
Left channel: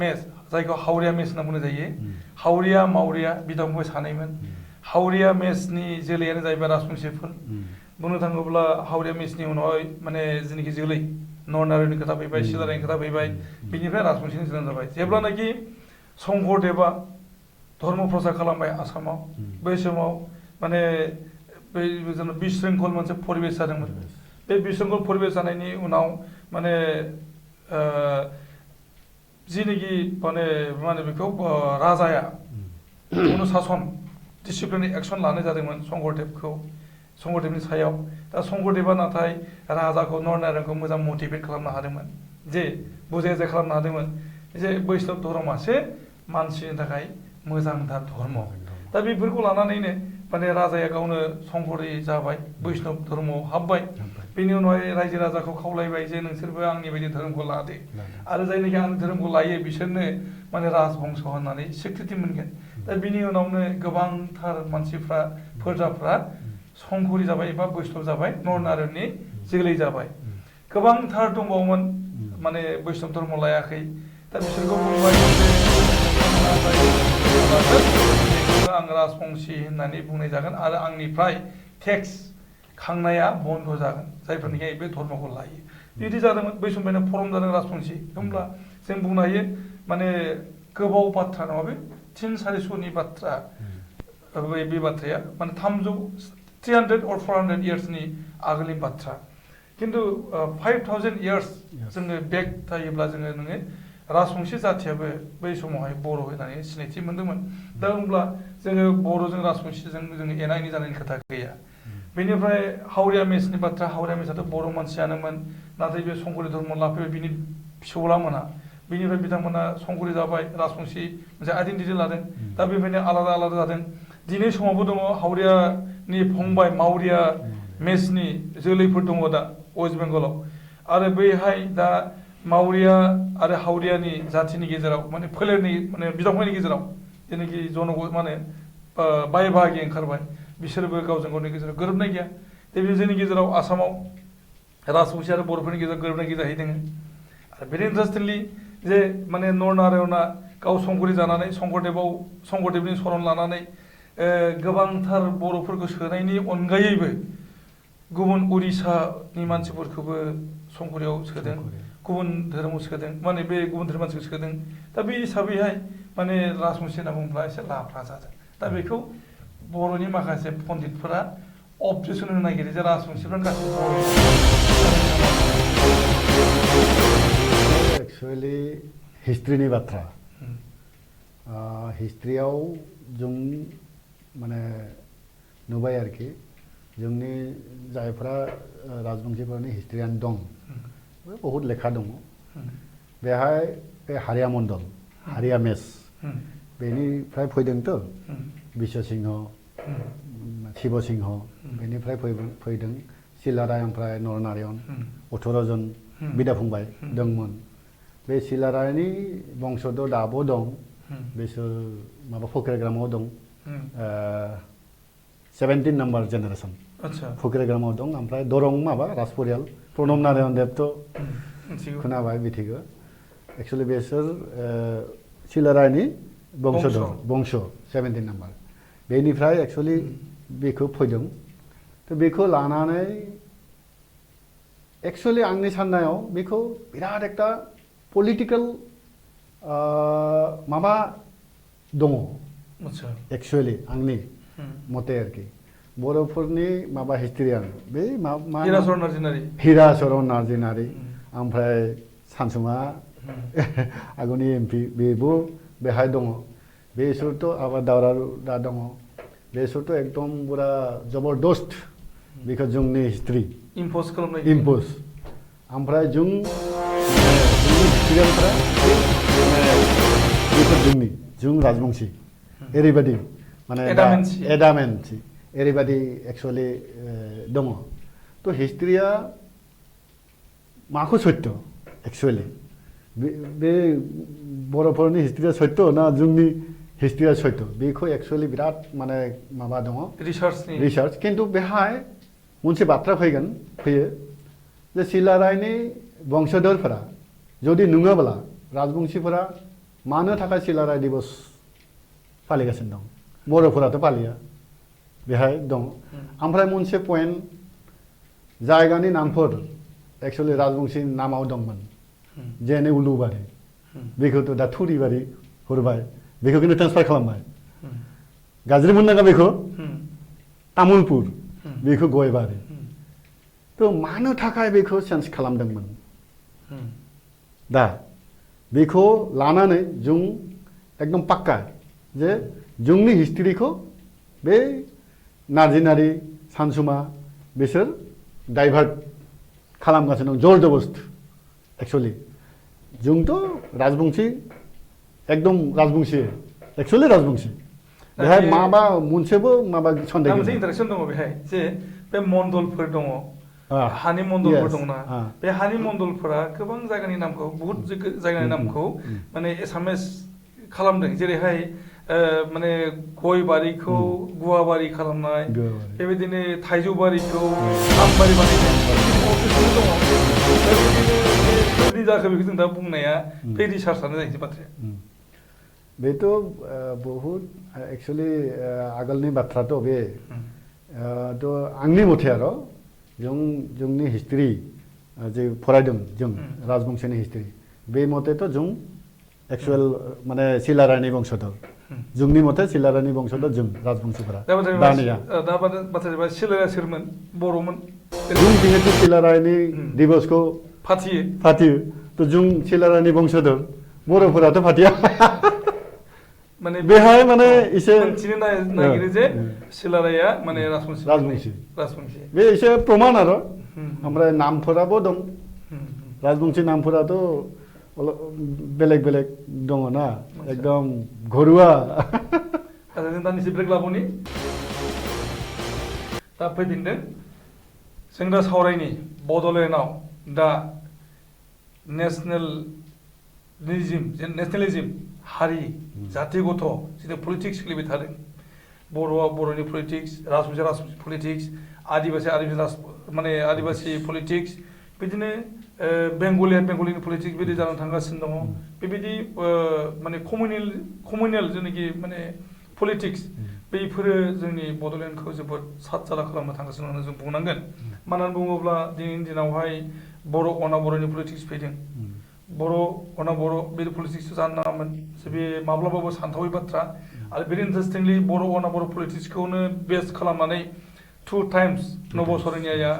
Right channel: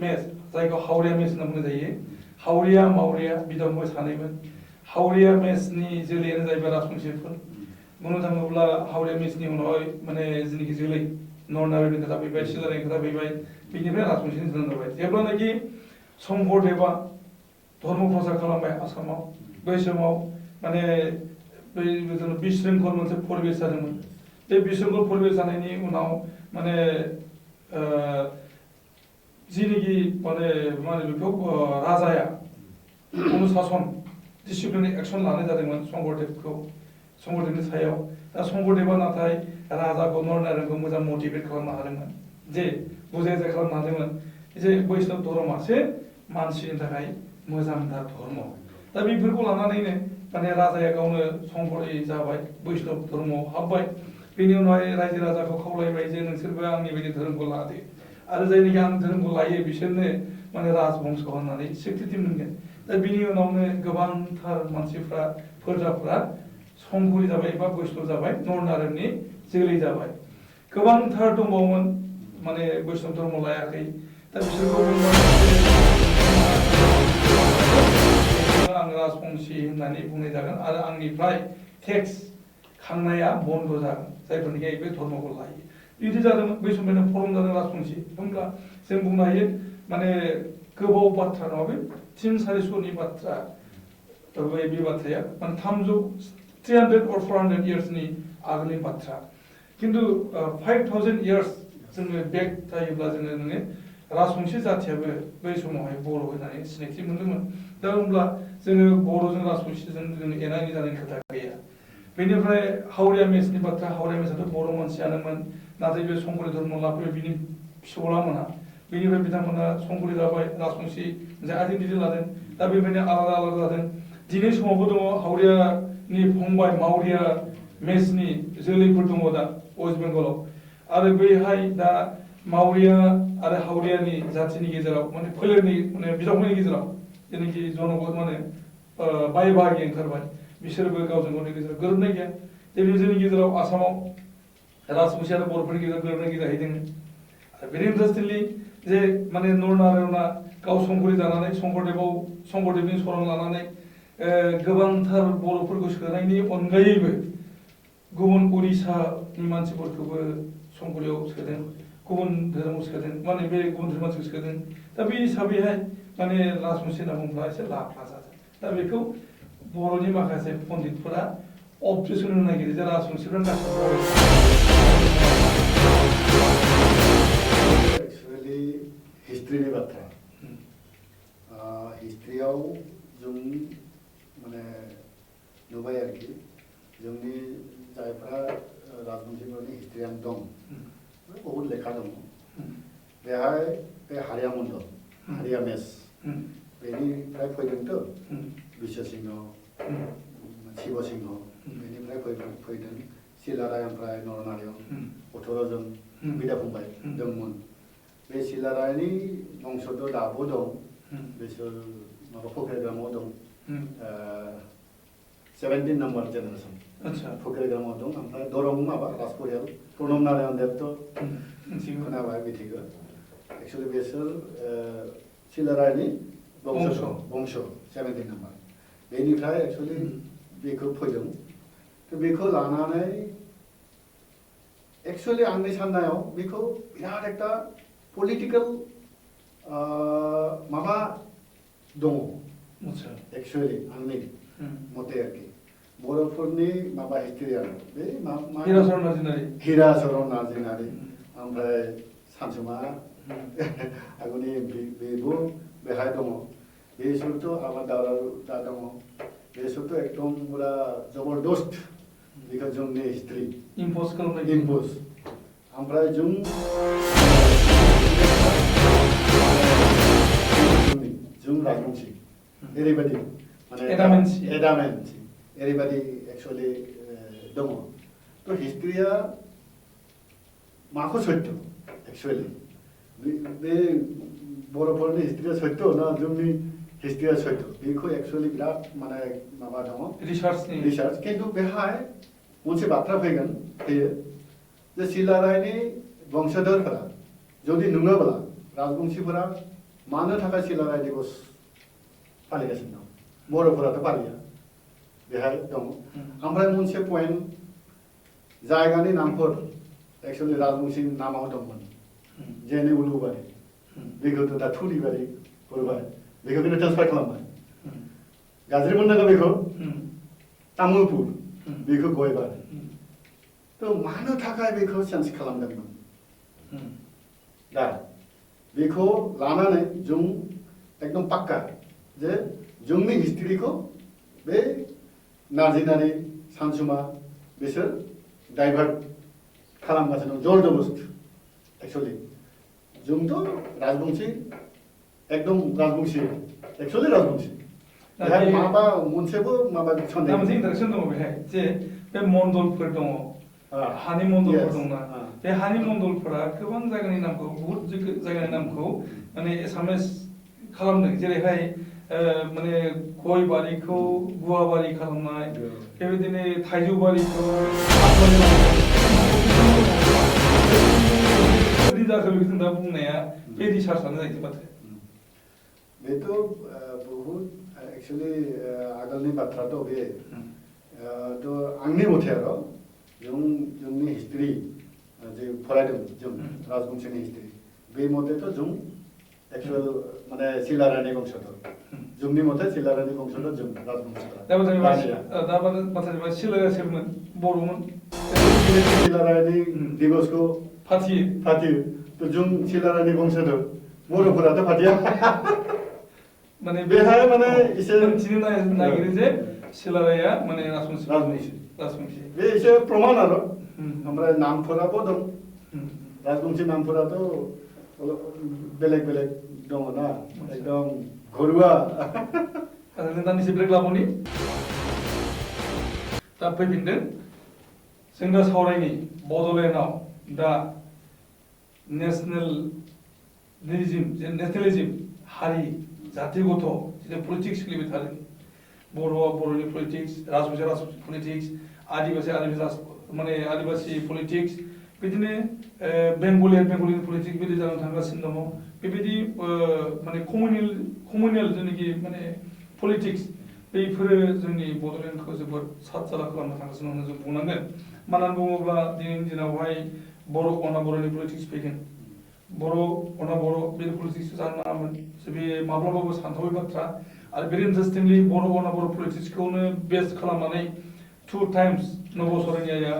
मेस जायखौ हावरिया मेस होनना बुंनाय जायो हावरिया मावरिया बिदा फंबाय सानैमोन हावरिया मेसनि जोलैयानो जाहैबाय राजबंशीफोर बुंनो थाङोब्ला हावरिया मेसनि उनावहाय माने जेनाखि जोलै नरनारायणनि खोथा फैबाय सिलारायनि खोथा फैबाय बिनिफ्राय राजबंशीनि जोनोम जाबाय जेब्लानाखि शंकरदेबा धर्म प्रसार खालामबाय आसामाव बै समाव माने बै बिशृंखल मोनसे परिबेस जादोंमोन बे बिशृंखल परिबेस जानायनि उनाव माने जिनिखि माने मा होनो बेखौ राजाया अनुशासन डिसिप्लिननि एक्सन लानाय जादोंमोन शंकरदेबनि सायाव दा शंकरदेबा नाथाय राजाखौ नरनारायणखौ मोजां मटिभेट खालामनो हादोंमोन जे बुजाय खालामनो हादोंमोन जे बैष्णब धर्मआसो मानसिनि थाखाय मोजांथार धर्म दा बेफोरखौ लानानैनो माने राजाया गावनो शंकरी जाबाय बैष्णब धर्मआव हाबबाय बेनि उनावहाय रायजो राजाखौ खावलायबाय जे नोंसोरबो आंनि बायदि धोरोमखौ लादो आरो जायनिखि आं धोरोमखौ लायो बिसोरनो माने राजबंश होननानै स्वीकृति मोनगोन दा बिनि उनावनो गोबांथार मानसिफ्रा फोरजाफ्रा शंकरी जाबाय एबा बैष्णब जाबाय नरनारायणनि जोलै जाबाय गोबांथार दंबावोमोन माने बैष्णब धर्म लायाखै दा बिसोरखौ आं राजबंशी होननानै बुंनाय जागोन आरो आंनिफ्राय टेक्स खांनाया बन्द जागोन जायफोरनिखि बे धर्मखौ लायो बिदि जादोंमोन बै समनिफ्रायनो फर्म जादों राजबंशी होमब्ला जों बुंनो हायो माने गोबाव बाथ्रा नङा बे 300-400नि बाथ्रा बे बाथ्राया माने 300 or 400 yearsनि आगोलनि बाथ्रा खिन्थु 5000 years जोङो बेक थायोब्ला जोङो नोङो राजबंशी जाथियाबो बै समावहाय बर' होननानै सिनायथि मोन्दोंमोन दा होमब्ला जोङो बर'जों राजबंशीजों जोङो एना एनि जानायनि खोथा गैया बेनिफ्राय हावरिया मेसनि बाथ्रा हावरिया मेसाथ' बर' मानसियानोमोन नाथाय बे संकरि धर्म लाफैबाय बिनि फिसौला मोना बेनिफ्राय बिथांमोना संकरि जाबाय राजबंशी मोनसे आइडेन्टिटि लादों दा बेबायदिनो आलादा आलादा जादों दिनै समावबो दङ हावरियानि फंबाय मावरिया मेसनि जोलैफोर दङ दा वेस्ट बेंगलाव आरो बैहाय दा मावरिया आरो हावरियानि जाथिनि गेजेराव माने फोलेरनि माने बिदाफंबायनि गेजेराव जेनाखि जनग माने बाय बाहागि ओंखारबाय बिसोरबो गावजों गावनि गेजेराव गोरोबनाय गैया दिनै जोंनि गेजेराव आसामाव राजबंशी आरो बर'फोरनि गेजेराव गोरोबनाय गैया जाहैदों आरो भेरि इन्टारेस्टिंलि जे माने नरनारायणआ गाव संकरि जानानै शंकरदेबनि सरण लानानै गोबांथार बर'फोरखौ सोनायनि अनगायैबो गुबुन उड़िसानि मानसिफोरखौबो संकरियाव सोदों गुबुन धोरोमाव सोदों माने बे गुबुन धोरोम मानसिखौ सोदों दा बे हिसाबैहाय माने राजबंशी होनना बुङोब्ला एसे लाफ्रा जादों दा बेखौ बर'नि माखासे पन्डितफोरा अबजेक्सन होनो नागिरो जे राजबंशीफ्रानो गासिबो एक्चुअली हिस्ट्रिनि बाथ्रा हिस्ट्रियाव जों माने नुबाय आरोखि जोंनि जायफ्रा राजबंशीफोरनि हिस्ट्रियान दं बहुत लेखा दङ बेहाय बे हारिया मण्डल हारिया मेस बेनिफ्राय फैदोंथ' बिश्व सिंह शिव सिंह बेनिफ्राय फैदों सिलाराय ओमफ्राय नरनारायण 18 जन बिदा फंबाय दंमोन बे सिलारायनि बंशथ' दाबो दं बिसोर माबा फकिरग्रामाव दं 17 नाम्बार जेनेरेसन फकिरग्रामाव दं ओमफ्राय दरं माबा राजपरियाल प्रणब नारायण देबथ' खोनाबाय मिथिगौ एक्चुअली बिसोर सिलारायनि बंश 17 नाम्बार बेनिफ्राय एक्चुअली बेखौ फैदों तो बेखौ लानानै एक्चुअली आंनि साननायाव बेखौ बिराद एकटा पलिटिकल माबा दङ एक्चुअली आंनि मते आरोखि बर'फोरनि माबा हिस्ट्रियान बे हिराचरण नार्जिनारि ओमफ्राय सानसुमा आगुनि एमपि बेबो बेहाय दङ बेसोरथ' आबादारि दा दङ बेसोरथ' एकदम पुरा जबरदस्त बेखौ जोंनि हिस्ट्रि इम्प'ज ओमफ्राय जों राजबंशी ओरैबायदि माने एडामेन्सि ओरैबायदि एक्चुअली दङ थ' हिस्ट्रिया माखौ सत्य एक्चुअली बे बर'फोरनि हिस्ट्रिया सत्य ना जोंनि हिस्ट्रिया सत्य बेखौ एक्चुअली बिराद माने माबा दङ रिसार्च खिन्थु बेहाय मोनसे बाथ्रा फैयो जे सिलारायनि बंशधरफोरा जुदि नङाब्ला राजबंशीफोरा मानो थाखाय सिलाराय दिबस फालिगासिनो दं बर'फोराथ' फालिया बेहाय दं ओमफ्राय मोनसे पइन्ट जायगानि नामफोर एक्चुअली राजबंशीनि नामाव दंमोन जेने उलुबारि बेखौथ' दा थुरिबारि हरबाय बेखौ खिन्थु ट्रेन्सफार खालामबाय गाज्रि मोननांगौ बेखौ तामुलपुर बेखौ गयबारि थ' मानो थाखाय बेखौ चेन्ज खालामदोंमोन दा बेखौ लानानै जों एकदम पाक्का जे जोंनि हिस्ट्रिखौ बे नार्जिनारि सानसुमा बिसोर डाइभार्ट खालामगासिनो दं जबरदस्त एक्चुअली जोंथ' राजबंशी एकदम राजबंशी एक्चुअली राजबंशी बेहाय माबा मोनसेबो माबा सन्देह मोनसे इन्टारेक्सन दङ बेहाय जे बे मण्डलफोर दङ हानि मण्डलफोर दंना बे हानि मण्डलफोरा गोबां जायगानि नामखौ बहुत जायगानि नामखौ माने एसामिस खालामदों जेरैहाय माने गय बारिखौ गुवाबारि खालामनाय बेबायदिनो थाइजौ बारिखौ आमबारि बानायनाय जाखो बेखौ जों दा बुंनाया बे रिसार्चआनो जाहैबाय बाथ्राया बेथ' बहुत एक्चुअली आगोलनि बाथ्राथ' बे थ' आंनि मथे आरो जोंनि हिस्ट्रि जे फरायदों जों राजबंशीनि हिस्ट्रि बे मथेथ' जों एक्चुअल माने सिलारायनि बंशधर जोंनि मथे सिलारानि बंस'ल' जों राजबंशिफोरा दा बाथ्राया दानिया बाथ्राया सिलाया सोरमोन बर'मोन जों जिहेतु सिलारानि दिबसखौ फाथियो तो जों सिलारानि बंश दं बर'फोराथ' फाथिया माने बेहाय माने एसे मोनथिनो नागिरो जे सिलाराया माने राजबंशी बे एसे प्रमाण आरो ओमफ्राय नामफोराबो दं राजबंशी नामफोराथ' बेलेग बेलेग दङ ना एकदम घरुवा जों दान्दिसे ब्रेक लाबोनि दा फैफिनदों जों दा सावरायनि बड'लेण्डआव दा नेसनेलिज्म हारि जाति गथ' जिथु पलिटिक्स सोलिबाय थादों बर'आ बर'नि पलिटिक्स राजबंशी पलिटिक्स आदिबासि माने आदिबासि पलिटिक्स बिदिनो बेंगलिया बेंगलिनि पलिटिक्स बिदि जानानै थांगासिनो दङ बेबायदि माने कमिउनेल जेनाखि माने पलिटिक्स बेफोरो जोंनि बड'लेण्डखौ जोबोद साद जादा खालामनो थांगासिनो होननानै जों बुंनांगोन मानो होनना बुङोब्ला दिनैनि दिनावहाय बर' अनाबर'नि पलिटिक्स फैदों बर' अनाबर' बे पलिटिक्स जानो नाङामोन बे माब्लाबाबो सानथावै बाथ्रा आरो भेरि इन्टारेस्टिंलि बर' अनाबर' पलिटिक्सखौनो बेस खालामनानै 2 टाइम्स नब सरैनिया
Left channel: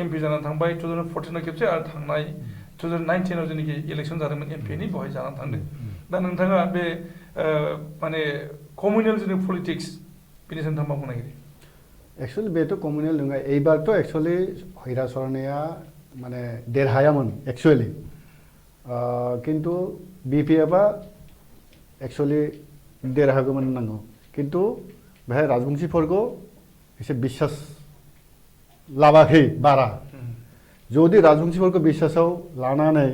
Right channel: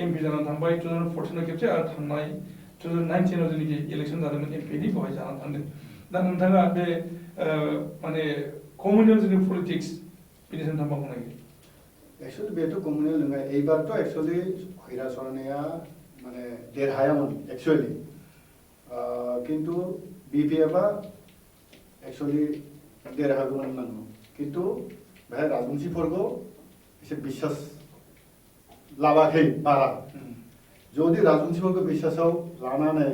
एमपि जानानै थांबाय 2014 खेबसे आरो थांनाय 2019 जेनाखि इलेक्सन जादोंमोन एमपिनि बेवहाय जानानै थांदों दा नोंथाङा बे माने कमिउनेल जोंनि पलिटिक्स बेनि सोमोन्दै मा बुंनो नागिरो एक्चुअली बेथ' कमिउनेल नङा एबारथ' एक्चुअली हैरा सरनाया माने देरहायामोन एक्चुअली किन्तु बिपिएफआ एक्चुअली देरहागौमोन होननांगौ किन्तु बेहाय राजबंशीफोरखौ एसे बिश्वास लाबाखै बारा जुदि राजबंशीफोरखौ बिश्वासाव लानानै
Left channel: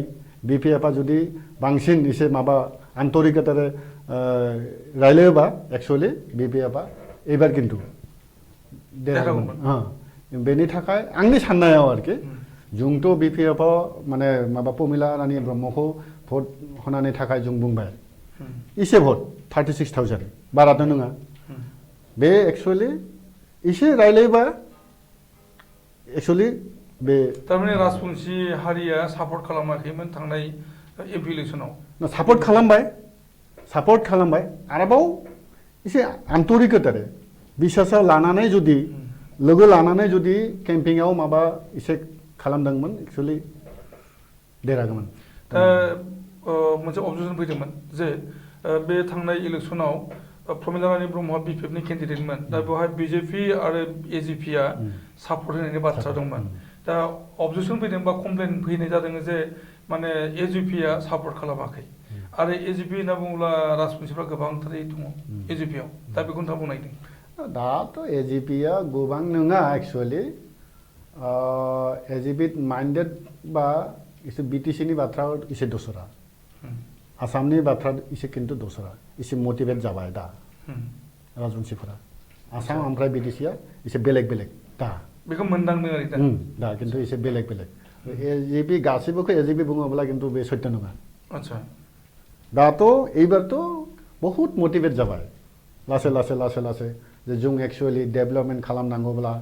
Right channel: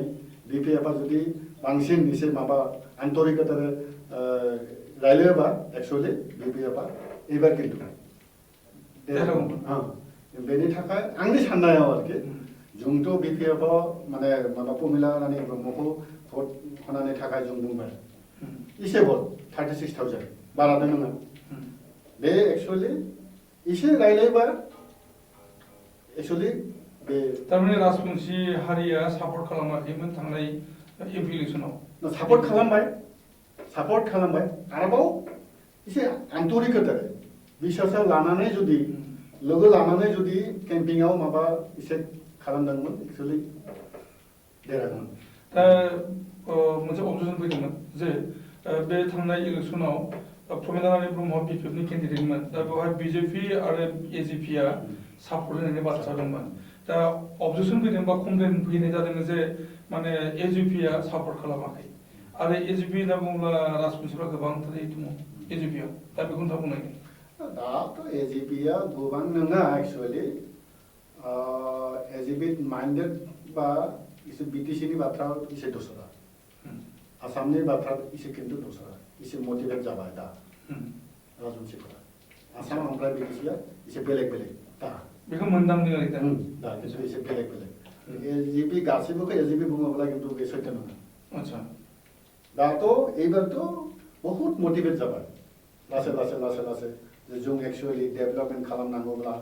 बिपिएफआ जुदि बांसिन एसे माबा आन्तरिकतारै रायलायोबा एक्चुअली बिपिएफआ एबार किन्तु देरहागौमोन बेनि थाखाय आंनि साननायाव आरोखि जोंथ' बिपिएफआव माने माबा प्रमिला रानी ब्रह्मखौ भट होनायनि थाखाय जों बुंबाय एसे भट 36,000 बाराथ' नङा बे एक्चुअली एसे रायलायोबा एक्चुअली बे तारमाने राजबंशी हारिया सापर्ट खालामाखैमोन थांनाय एमपि इलेक्सनाव सापर्ट खालामबाय आरोबाव एसे आन्तरिकतारै बिश्वासाव लानानै जुदि लोगो लानानै जुदि केम्पिंआव माबा एसे खालामदोंमोन एक्चुअली देरहागौमोन दा मोनसे अबजेक्सन फैदोंमोन जे बे थांनाय इलेक्सनाव प्रमिला रानी ब्रह्मआ बिपिएफनि केन्डिडेटमोन दा बेवहाय बिजेपि आरो एजिपिआ सापर्ट होनायनि बाथ्रा दंमोन दा अबजेक्सन फैदों बा कमप्लेन फैनाय जादों जे माने एजिपिआ सापर्ट खालामाखै आरो एजिपि होनना बुङोब्ला राजबंशीफ्रा गोबांथारै दङ एजिपिआव दा बेखौ नोंथाङा बुंनो नागिरदों दाथ' एजिपिआ गोबां नङा एक्चुअली एजिपि माइन्डेड बा एसे बिटिसिनि बाथ्रा एसे दसरा आसामनि बाथ्रा एसे किन्तु दसरा एसे मटिभेट जाबाय दा राजबंशीफोरा आसाम ओमफ्राय बिटिसिआ एसे बेलेग दा बेखौ मोनदांनो दा किन्तु एसे बेलेग एजिपि गासैबोखौ एजिपि बुङोब्ला किन्तु बे सत्य नङा आच्छा दाथ' एबारथ' बहुत मटिभेट जाबाय लासै जे जों एक्चुअली डेभेलपमेन्ट खालामनांगौब्ला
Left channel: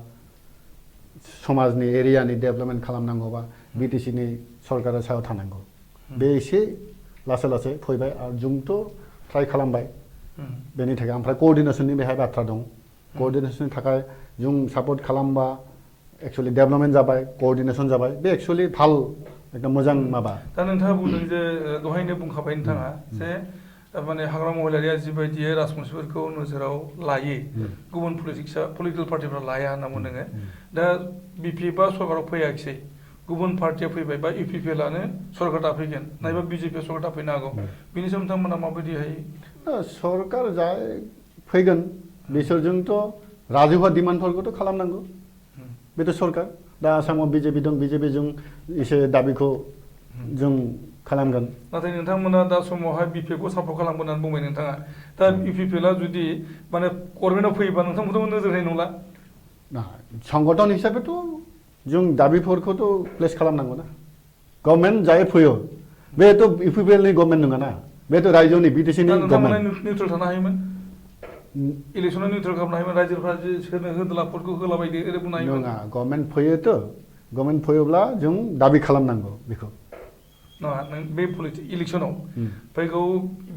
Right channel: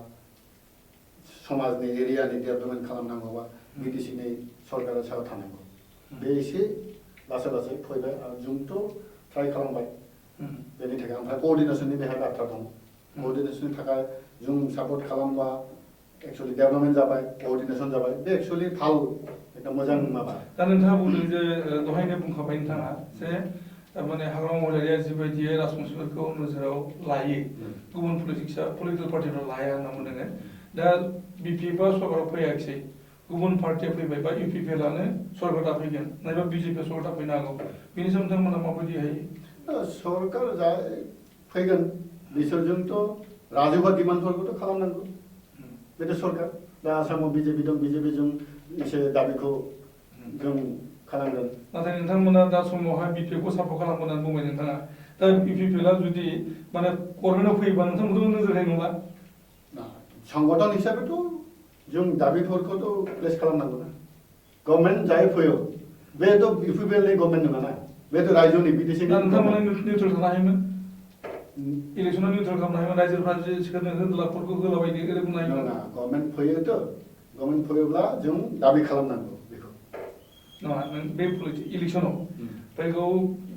समाजनि एरियानि डेभेलपमेन्ट खालामनांगौबा बिटिसिनि सरकारा सायाव थानांगौ बे एसे लासै फैबाय आरो जोंथ' ट्राइ खालामबाय बेनि थाखाय ओमफ्राय क'अर्डिनेसननि बेहाय बाथ्रा दं क'अर्डिनेसननि थाखाय जों सापर्ट खालामबा एक्चुअली डेभेलपमेन्ट जाबाय क'अर्डिनेसन जाबाय बे एक्चुअली ভাল एकदम मोजां माबा दा नोंथाङा बुंदों जे दहायनो बुंखाबाय नोंथाङा जे माने हाग्रामा महिलारिया जिबायदि राजबंशीफोरखौ नोजोराव लायो गुबुन पलिटिकेल पार्टिफोरा लाया होनना बुंदों दा बिपिएफआ सरकाराव फैयाखिसै गुबुन पार्टिया फैबाय बा इउपिपिएलआनो सरकार दाफैगोन नायबा बिजेपिआ सरकार दाफैनो हागौ बेनि सायाव नोंथांमोना माबायदिहाय सरकार जाय फैगोन बिसोरजोंथ' राजुवा डिमान्डफोरखौथ' खालामनांगौ बेथ' सरकार दा आसामाव बिजेपि दं बिजेपिजों एसे दाबिखौ जों खालामगोन नाथाय नोंथांमोना दा समावहाय बिपिएफखौ सापर्ट खालामगोन होननानै बुंबाय नोंथाङा दा इउपिपिएलआ जुदि माने गभर्नमेन्टआव फैयोबा नोंथांमोनखौ नोजोर होनाय नंला संगठन हिसाबैथ' जों दाबिफोरखौथ' प्लेस खालामनांगौ ना गभर्नमेन्ट जाय फैयो बेथ' इउपिपिएलनि गभर्नमेन्ट नङा ना बेथ' रायजोनि बिटिसिनि नोंथांमोना निउट्रेल थानो हायोमोन इलेक्सनाव निउट्रेल खालामनो हायोमोन रायजोफ्रा जे होदलाफोरखौ होलाबायदो ओरै बुंनो हायोमोन नङा गभर्नमेन्ट फैयोथ' गभर्नमेन्ट फैयोब्ला जों दाबि खालामनांगौ बेखौ नङा बे इलेक्सनाव फैगौ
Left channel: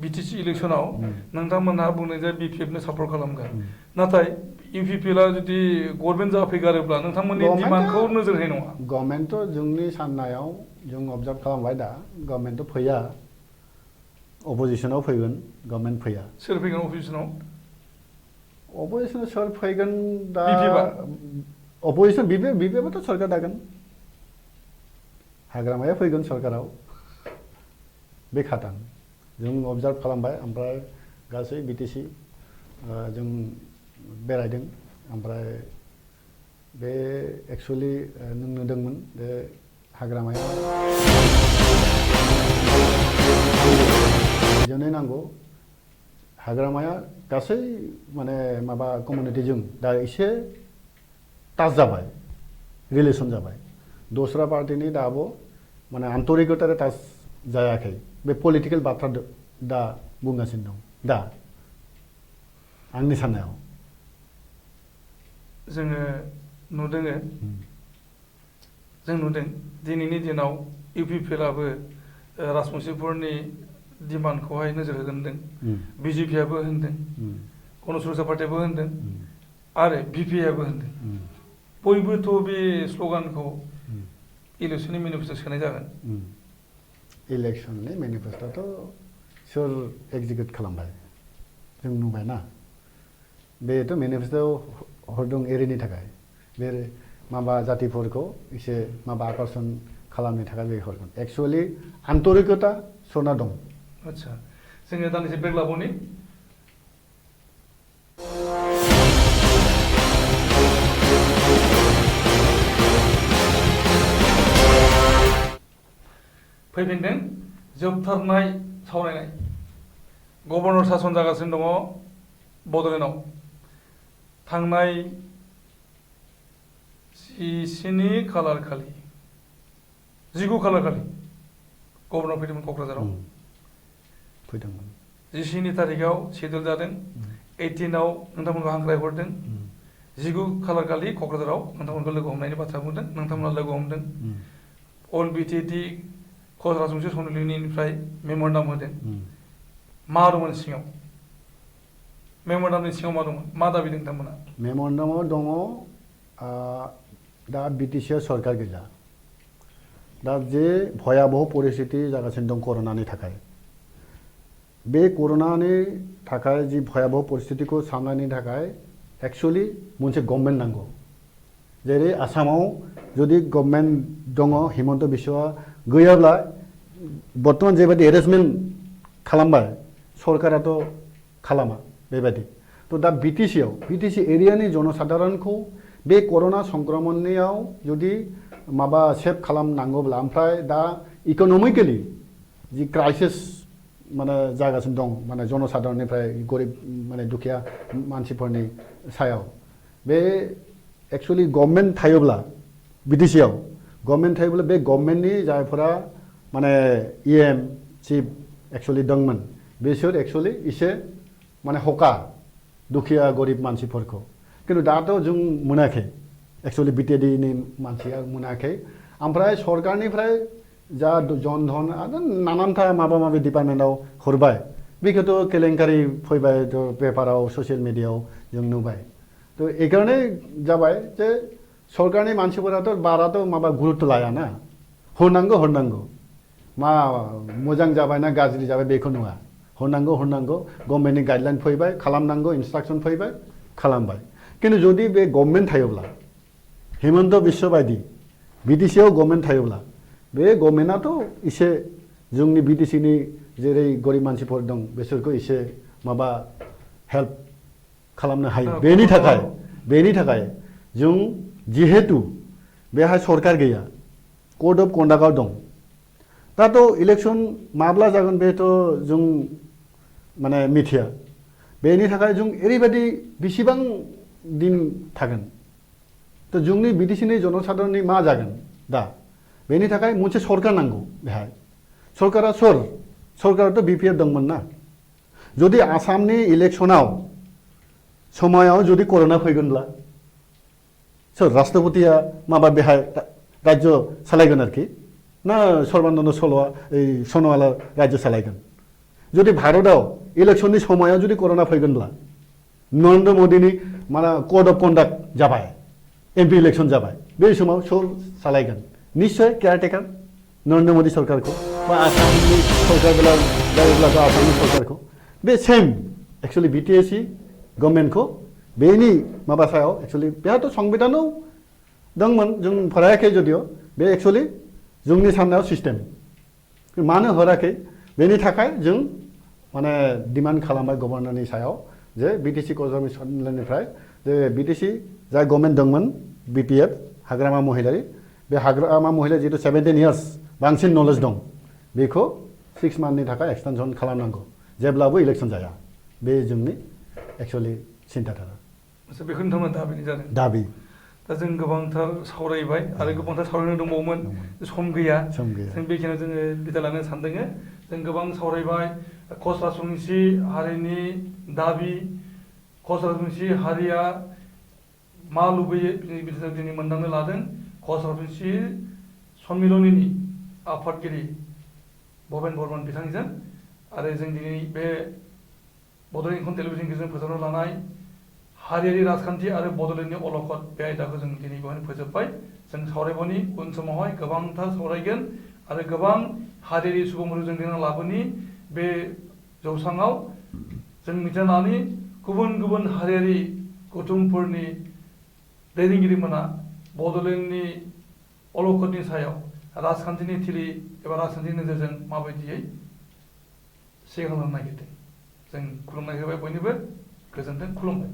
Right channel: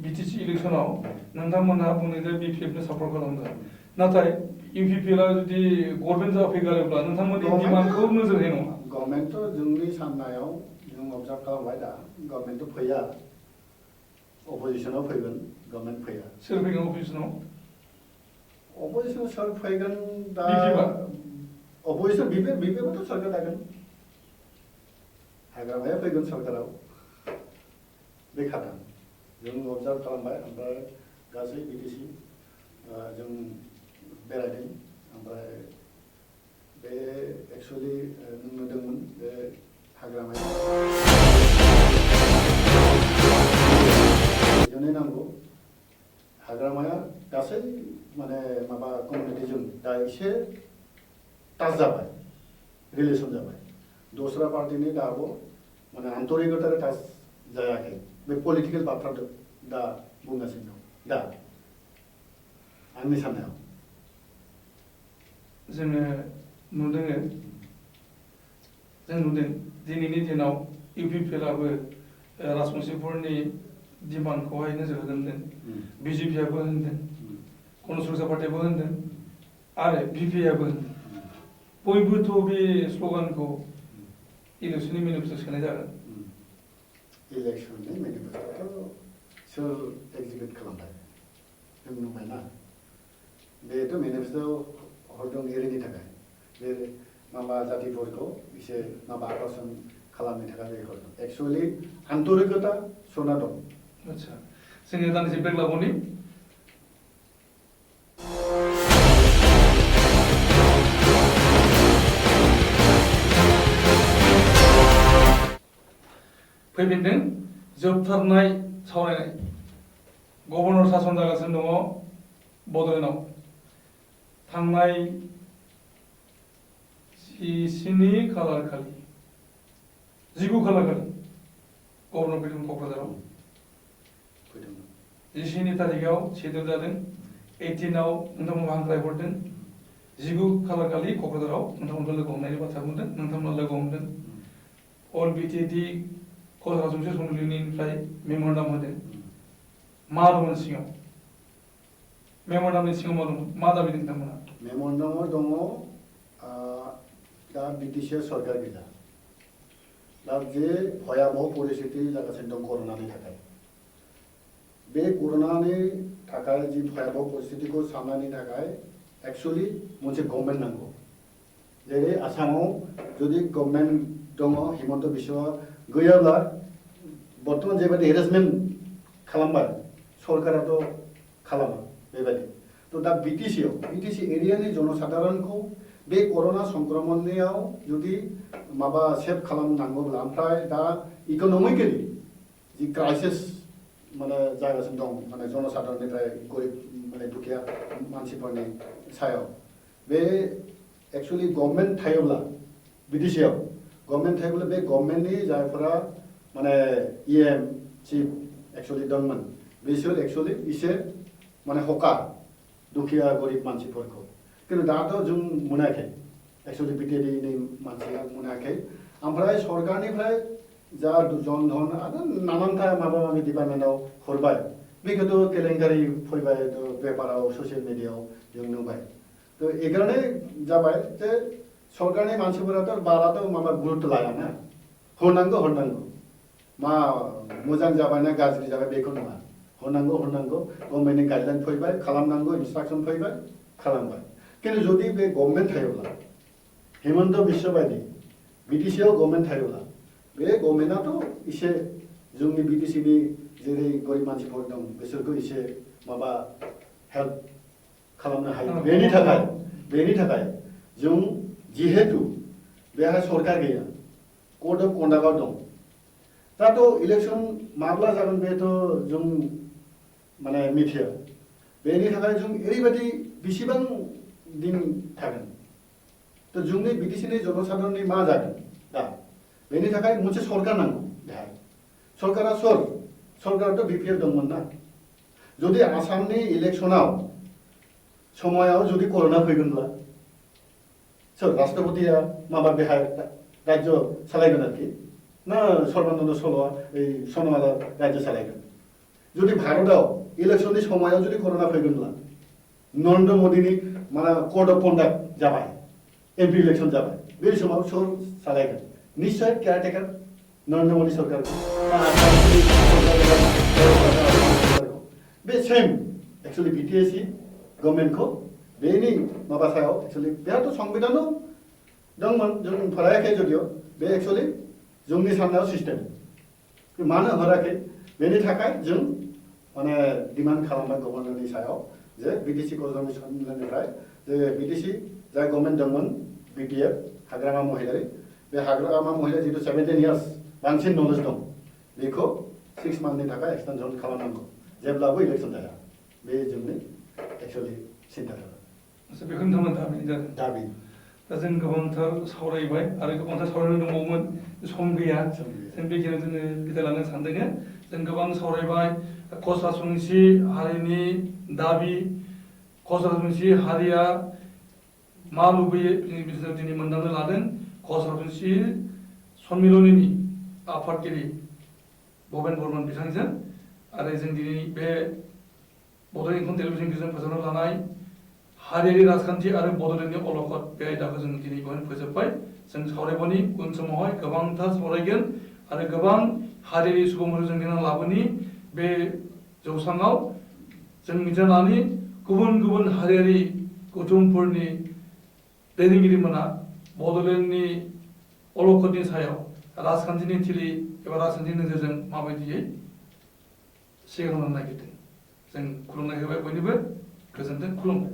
बिटिसि इलेक्सनाव नोंथांमोनहा बुंनाय जे बिपिएफनो सापर्ट खालामगोन नाथाय इउपिपिएलआ जुदि गभर्नमेन्ट जाफैगारोब्ला नोंथांमोननि डिमान्डखौ नोजोर होनाय नङा गभर्नमेन्टथ' जोंनि साननायाव जों अबजार्भ खालामबाय दा गभर्नमेन्टथ' फैया अपोजिसनाव फैगोन गभर्नमेन्ट फैया सोर फैगोन अफिसनाव अपोजिसनाव सोर फैगोन दा बिपिएफआ अपोजिसन बिपिएफआथ' सरकार दागोन हाग्रामाया फैगोन सरकाराव बे खाथां जों अबजार्भ खालामबाय ओमफ्राय गासै बिटिसि जों बेरायदों ओमफ्राय बे एक्सुवेलि नों नुदोंमोन बे हाग्रामाया जोंनो नांगौ हाग्रामाया गासै माने माबा कमिउनिटिजों दा एसे टाच जाबाय रिलेसन जाबाय दस्रा पार्टिनि दाबो माने आन्तरिकतार टाच जायाखै बे पलिटिकेल बाथ्रा दा बुंगासिनो दं दा आंनि साननायाव जोङो नुदों दिनैनि दिनाव इउपिपिएलआबो राजबंशिफोरनि डिमान्डखौहाय नोजोर होगोन होनदों बिजेपिआबो होनदों गणसुरसा पार्टियाबो होनदों आरो बिपिआबो होनदों बयबोथ' बे स्ल'गानखौ इलेक्सननि मेनिफेस्ट'आव सोनाय जागोन इलेक्सननि मेनिफेस्ट'आथ' सोर एक्जिकिउट खालामबाय जों नुबायना बेथ' मेनिफेस्ट'आव हरदों एरिनि थाखाय बे माबा जातिफोरखौ एसे माबा आकर्षण खालामनो थाखाय बे हरदों एक्सुवेलि आन्तरिकता सना दं आदसा जोङो दानदिसे ब्रेक लाबावनि फैफिनदों जोबथारनाय सावरायनाय गभर्नर सासन जागासिनो दङ बड'लेण्डआव थांनाय 17 खालार खालि 19 खालार खालि गभर्नर फैदोंमोन क'क्राझाराव फैदोंमोन 17 तारिखआव सेदुल जादों 18आव नोंथांमोनखौ हांख्राय हरदों 19 खालार खालि क'क्राझाराव नोंथांमोनखौ लोगो हमनायनि बाथ्रा बुंदों नोंथांमोना लोगो हमदों अल बिटिएडि राजबंशी सन्मिलनिफ्राय मेम'रेन्डाम होदों मा दंमोन सिङाव मेम'रेन्डामनि सिङाव मा दंमोन मा दाबि नोंथांमोना मेम'रेन्डामाव दङ दा बिटिसिआ सरकार गैया दा जे भयाबह परिस्थिति जागासिनो दं कर'नानि थाखाय बे कर'नानि थाखाय जि भयाबह परिस्थितिखौ सामलायनो थाखाय एक्सुवेलि मोनसे गभर्नमेन्ट नांगौ जेरै आसामाव जुदि गभर्नमेन्ट दङ हिमन्त बिश्वआ गैयाब्ला बर्तमान जेबायदि एरेन्जमेन्ट खालामबाय सरकाराथ' खालामा बेबायदि थ' दा बिटिसि एरियानि जनसाधारणखौ बे कर'ना संक्रमणनियाव जुदि माबा सेभ खालामनांगौब्ला ओमफ्राय दा इक'नमिकेलि जि क्राइसिस माने जागासिनो दं माने जनसाधारणनिफ्राय गरिब माने दुखिया मानसिफोरनि सायाव बे एक्सुवेलि गभर्नमेन्ट थायोब्ला बिटिसिआव गभर्नमेन्ट थायोब्ला बे गभर्नमेन्टनि जायफोरा माने इएम चिफ एक्सुवेलि दंमोन बिसोर एक्सुवेलि एसे माने हकार दुखिया गरिब मानसिफोरखौ किन्तु दाथ' जों मोनाखै एक्सुवेलि बिटिएडिनि मानसिया मोनाखै ओमफ्राय सरकारनिफ्राय जा जनधन आरो नानानथा माबा माबि डिपार्टमेन्टआव हरबाय बेखौथ' केलेंकारि फैबाय पेपाराव ससियेल मिडियाआव जों नुबाय थ' एखाने जाबाय जे सरकारनि मानसिफोराथ' बाराथ' माबा गुरुत्व लायाना हरनांगौ मा मोजां जाबाय ना गाज्रि जाबाय बेखौ नङा हरनांगौ गभर्नमेन्टनि गाइडलाइन फैबाय खालामनांगौ इन्सट्राक्सन फैबाय खालामबाय किन्तु जुदि बे गभर्नमेन्ट थायोब्ला हिमन्त बिश्व बायदि बिटिसिआव गभर्नमेन्ट थायोब्ला बे गभर्नमेन्टआथ' एसे जोंनि बिटिसिनि जेरै गरिब मानसिफोर दं बिसोरखौ एसे माबा हेल्प खालामनो हायो बेनि थाखाय जों जिहेतु बेहाय सरकार गैया कड अफ कन्डाक्टआव दं दाथ' इलेक्सन माब्ला जागोन बेथ' जों माने मिथिया बेनि थाखाय जों ओरैबायदि बेसेबां दिन थागोन थ' जोंनि बिटिसिनि जनसाधारणनि मा जागोन दा बेनि थाखाय मोनसे सरकार नांगौ बेहाय सरकारा सरकाराथ' बिपिएफ दंमोन ना जुदि आसामनि इलेक्सनाव समायाव जुदि कर'ना फैगोनब्ला सोर राष्ट्रपतिया माबा बेहाय राज्य सालायगोन आरोखि ना सर्बानन्द सन'वाला राज्यो सालायगोन जुदि भारताव इलेक्शननि समायाव जुदि कर'ना फैगोनब्ला नरेन्द्र मोदीनि माने कोड अफ कन्डाक्ट जाबाय एमपि इलेक्शन जाबाय बे समाव सोर सालायगोन निश्चय केयारटेकार नरेन्द्र मोदी सरकारखौ बा आसामनि सरकारखौ बे सेम एक्चुअली बिटिएसि गभर्नमेन्टखौ बेनि माबा सायाव एक्चुअली बेहाथ' संबिधानाव दंमोन जों फरायाखै जदिअ बे एक्चुअली जोंनि साननायाव सिस्टेम मानो हराखै बेनि थाखाय जों माने डिमान्ड खालामो गभर्नरनि सायाव जे बिटिसि कमिसननिफ्राय जे बिटिसि जाय गभर्नमेन्ट दंमोन बिपिएफ हाग्रामा महिलारि बे हाग्रामा महिला जितु 17 इयार्स बांसिन नलेज दं बेखौ 6 मान्थनि थाखाय एक्सटेनसन खालामनांगौ जेब्लाबो इलेक्शन जाया बे जोंनि एक्चुअली सिन्ताधारा बेखौ नोंथांमोन दाबि जादों दाबि दा जों गोबांथार सावरायबाय आरो गोबांथार सावरायनो दंबावोमोन सम गैया जों बेखिनियाव जोङो बिदाय लानो सानदों जों गोबां सावरायबाय कच राजबंसि हारिनि दाबि कच राजबंसि हारिया मा लुबैयो बिनि बिषयाव दिनै मोनदांनो लादों कच राजबंसि सन्मिलननि आफादगिरि भबेन बर्मन बिथांजों आरो जों दिनै बे बड'लेण्ड इंखं टेलिभिजन गेजेरजों फोसावनो लानाय हारियारि राजखान्थि आरो बड'लेण्डनि अलखद बे आयदाखौ जों दिनै बेवहायनो फोजोबबाय जों सावरायबावनि उन समावहाय गोबांथार सावरायगोन आरो गोबां हारियारि सुबुंफोर जों दिनै लाबोनि बे जौसाङाव जों मिथिनानै गुबुन गुबुन हारियारि गौथुमफोरनि दैदेनगिरिमोना बड'लेण्डनि अलखदनि सायाव राजखान्थिनि थिलि एबा राजखान्थिनि नोजोरजों माबायदियै सिगांलांनो नागिरदों जों खुलुमनाय होबाय बयनिबो गोजोन्थों खुलुमबाय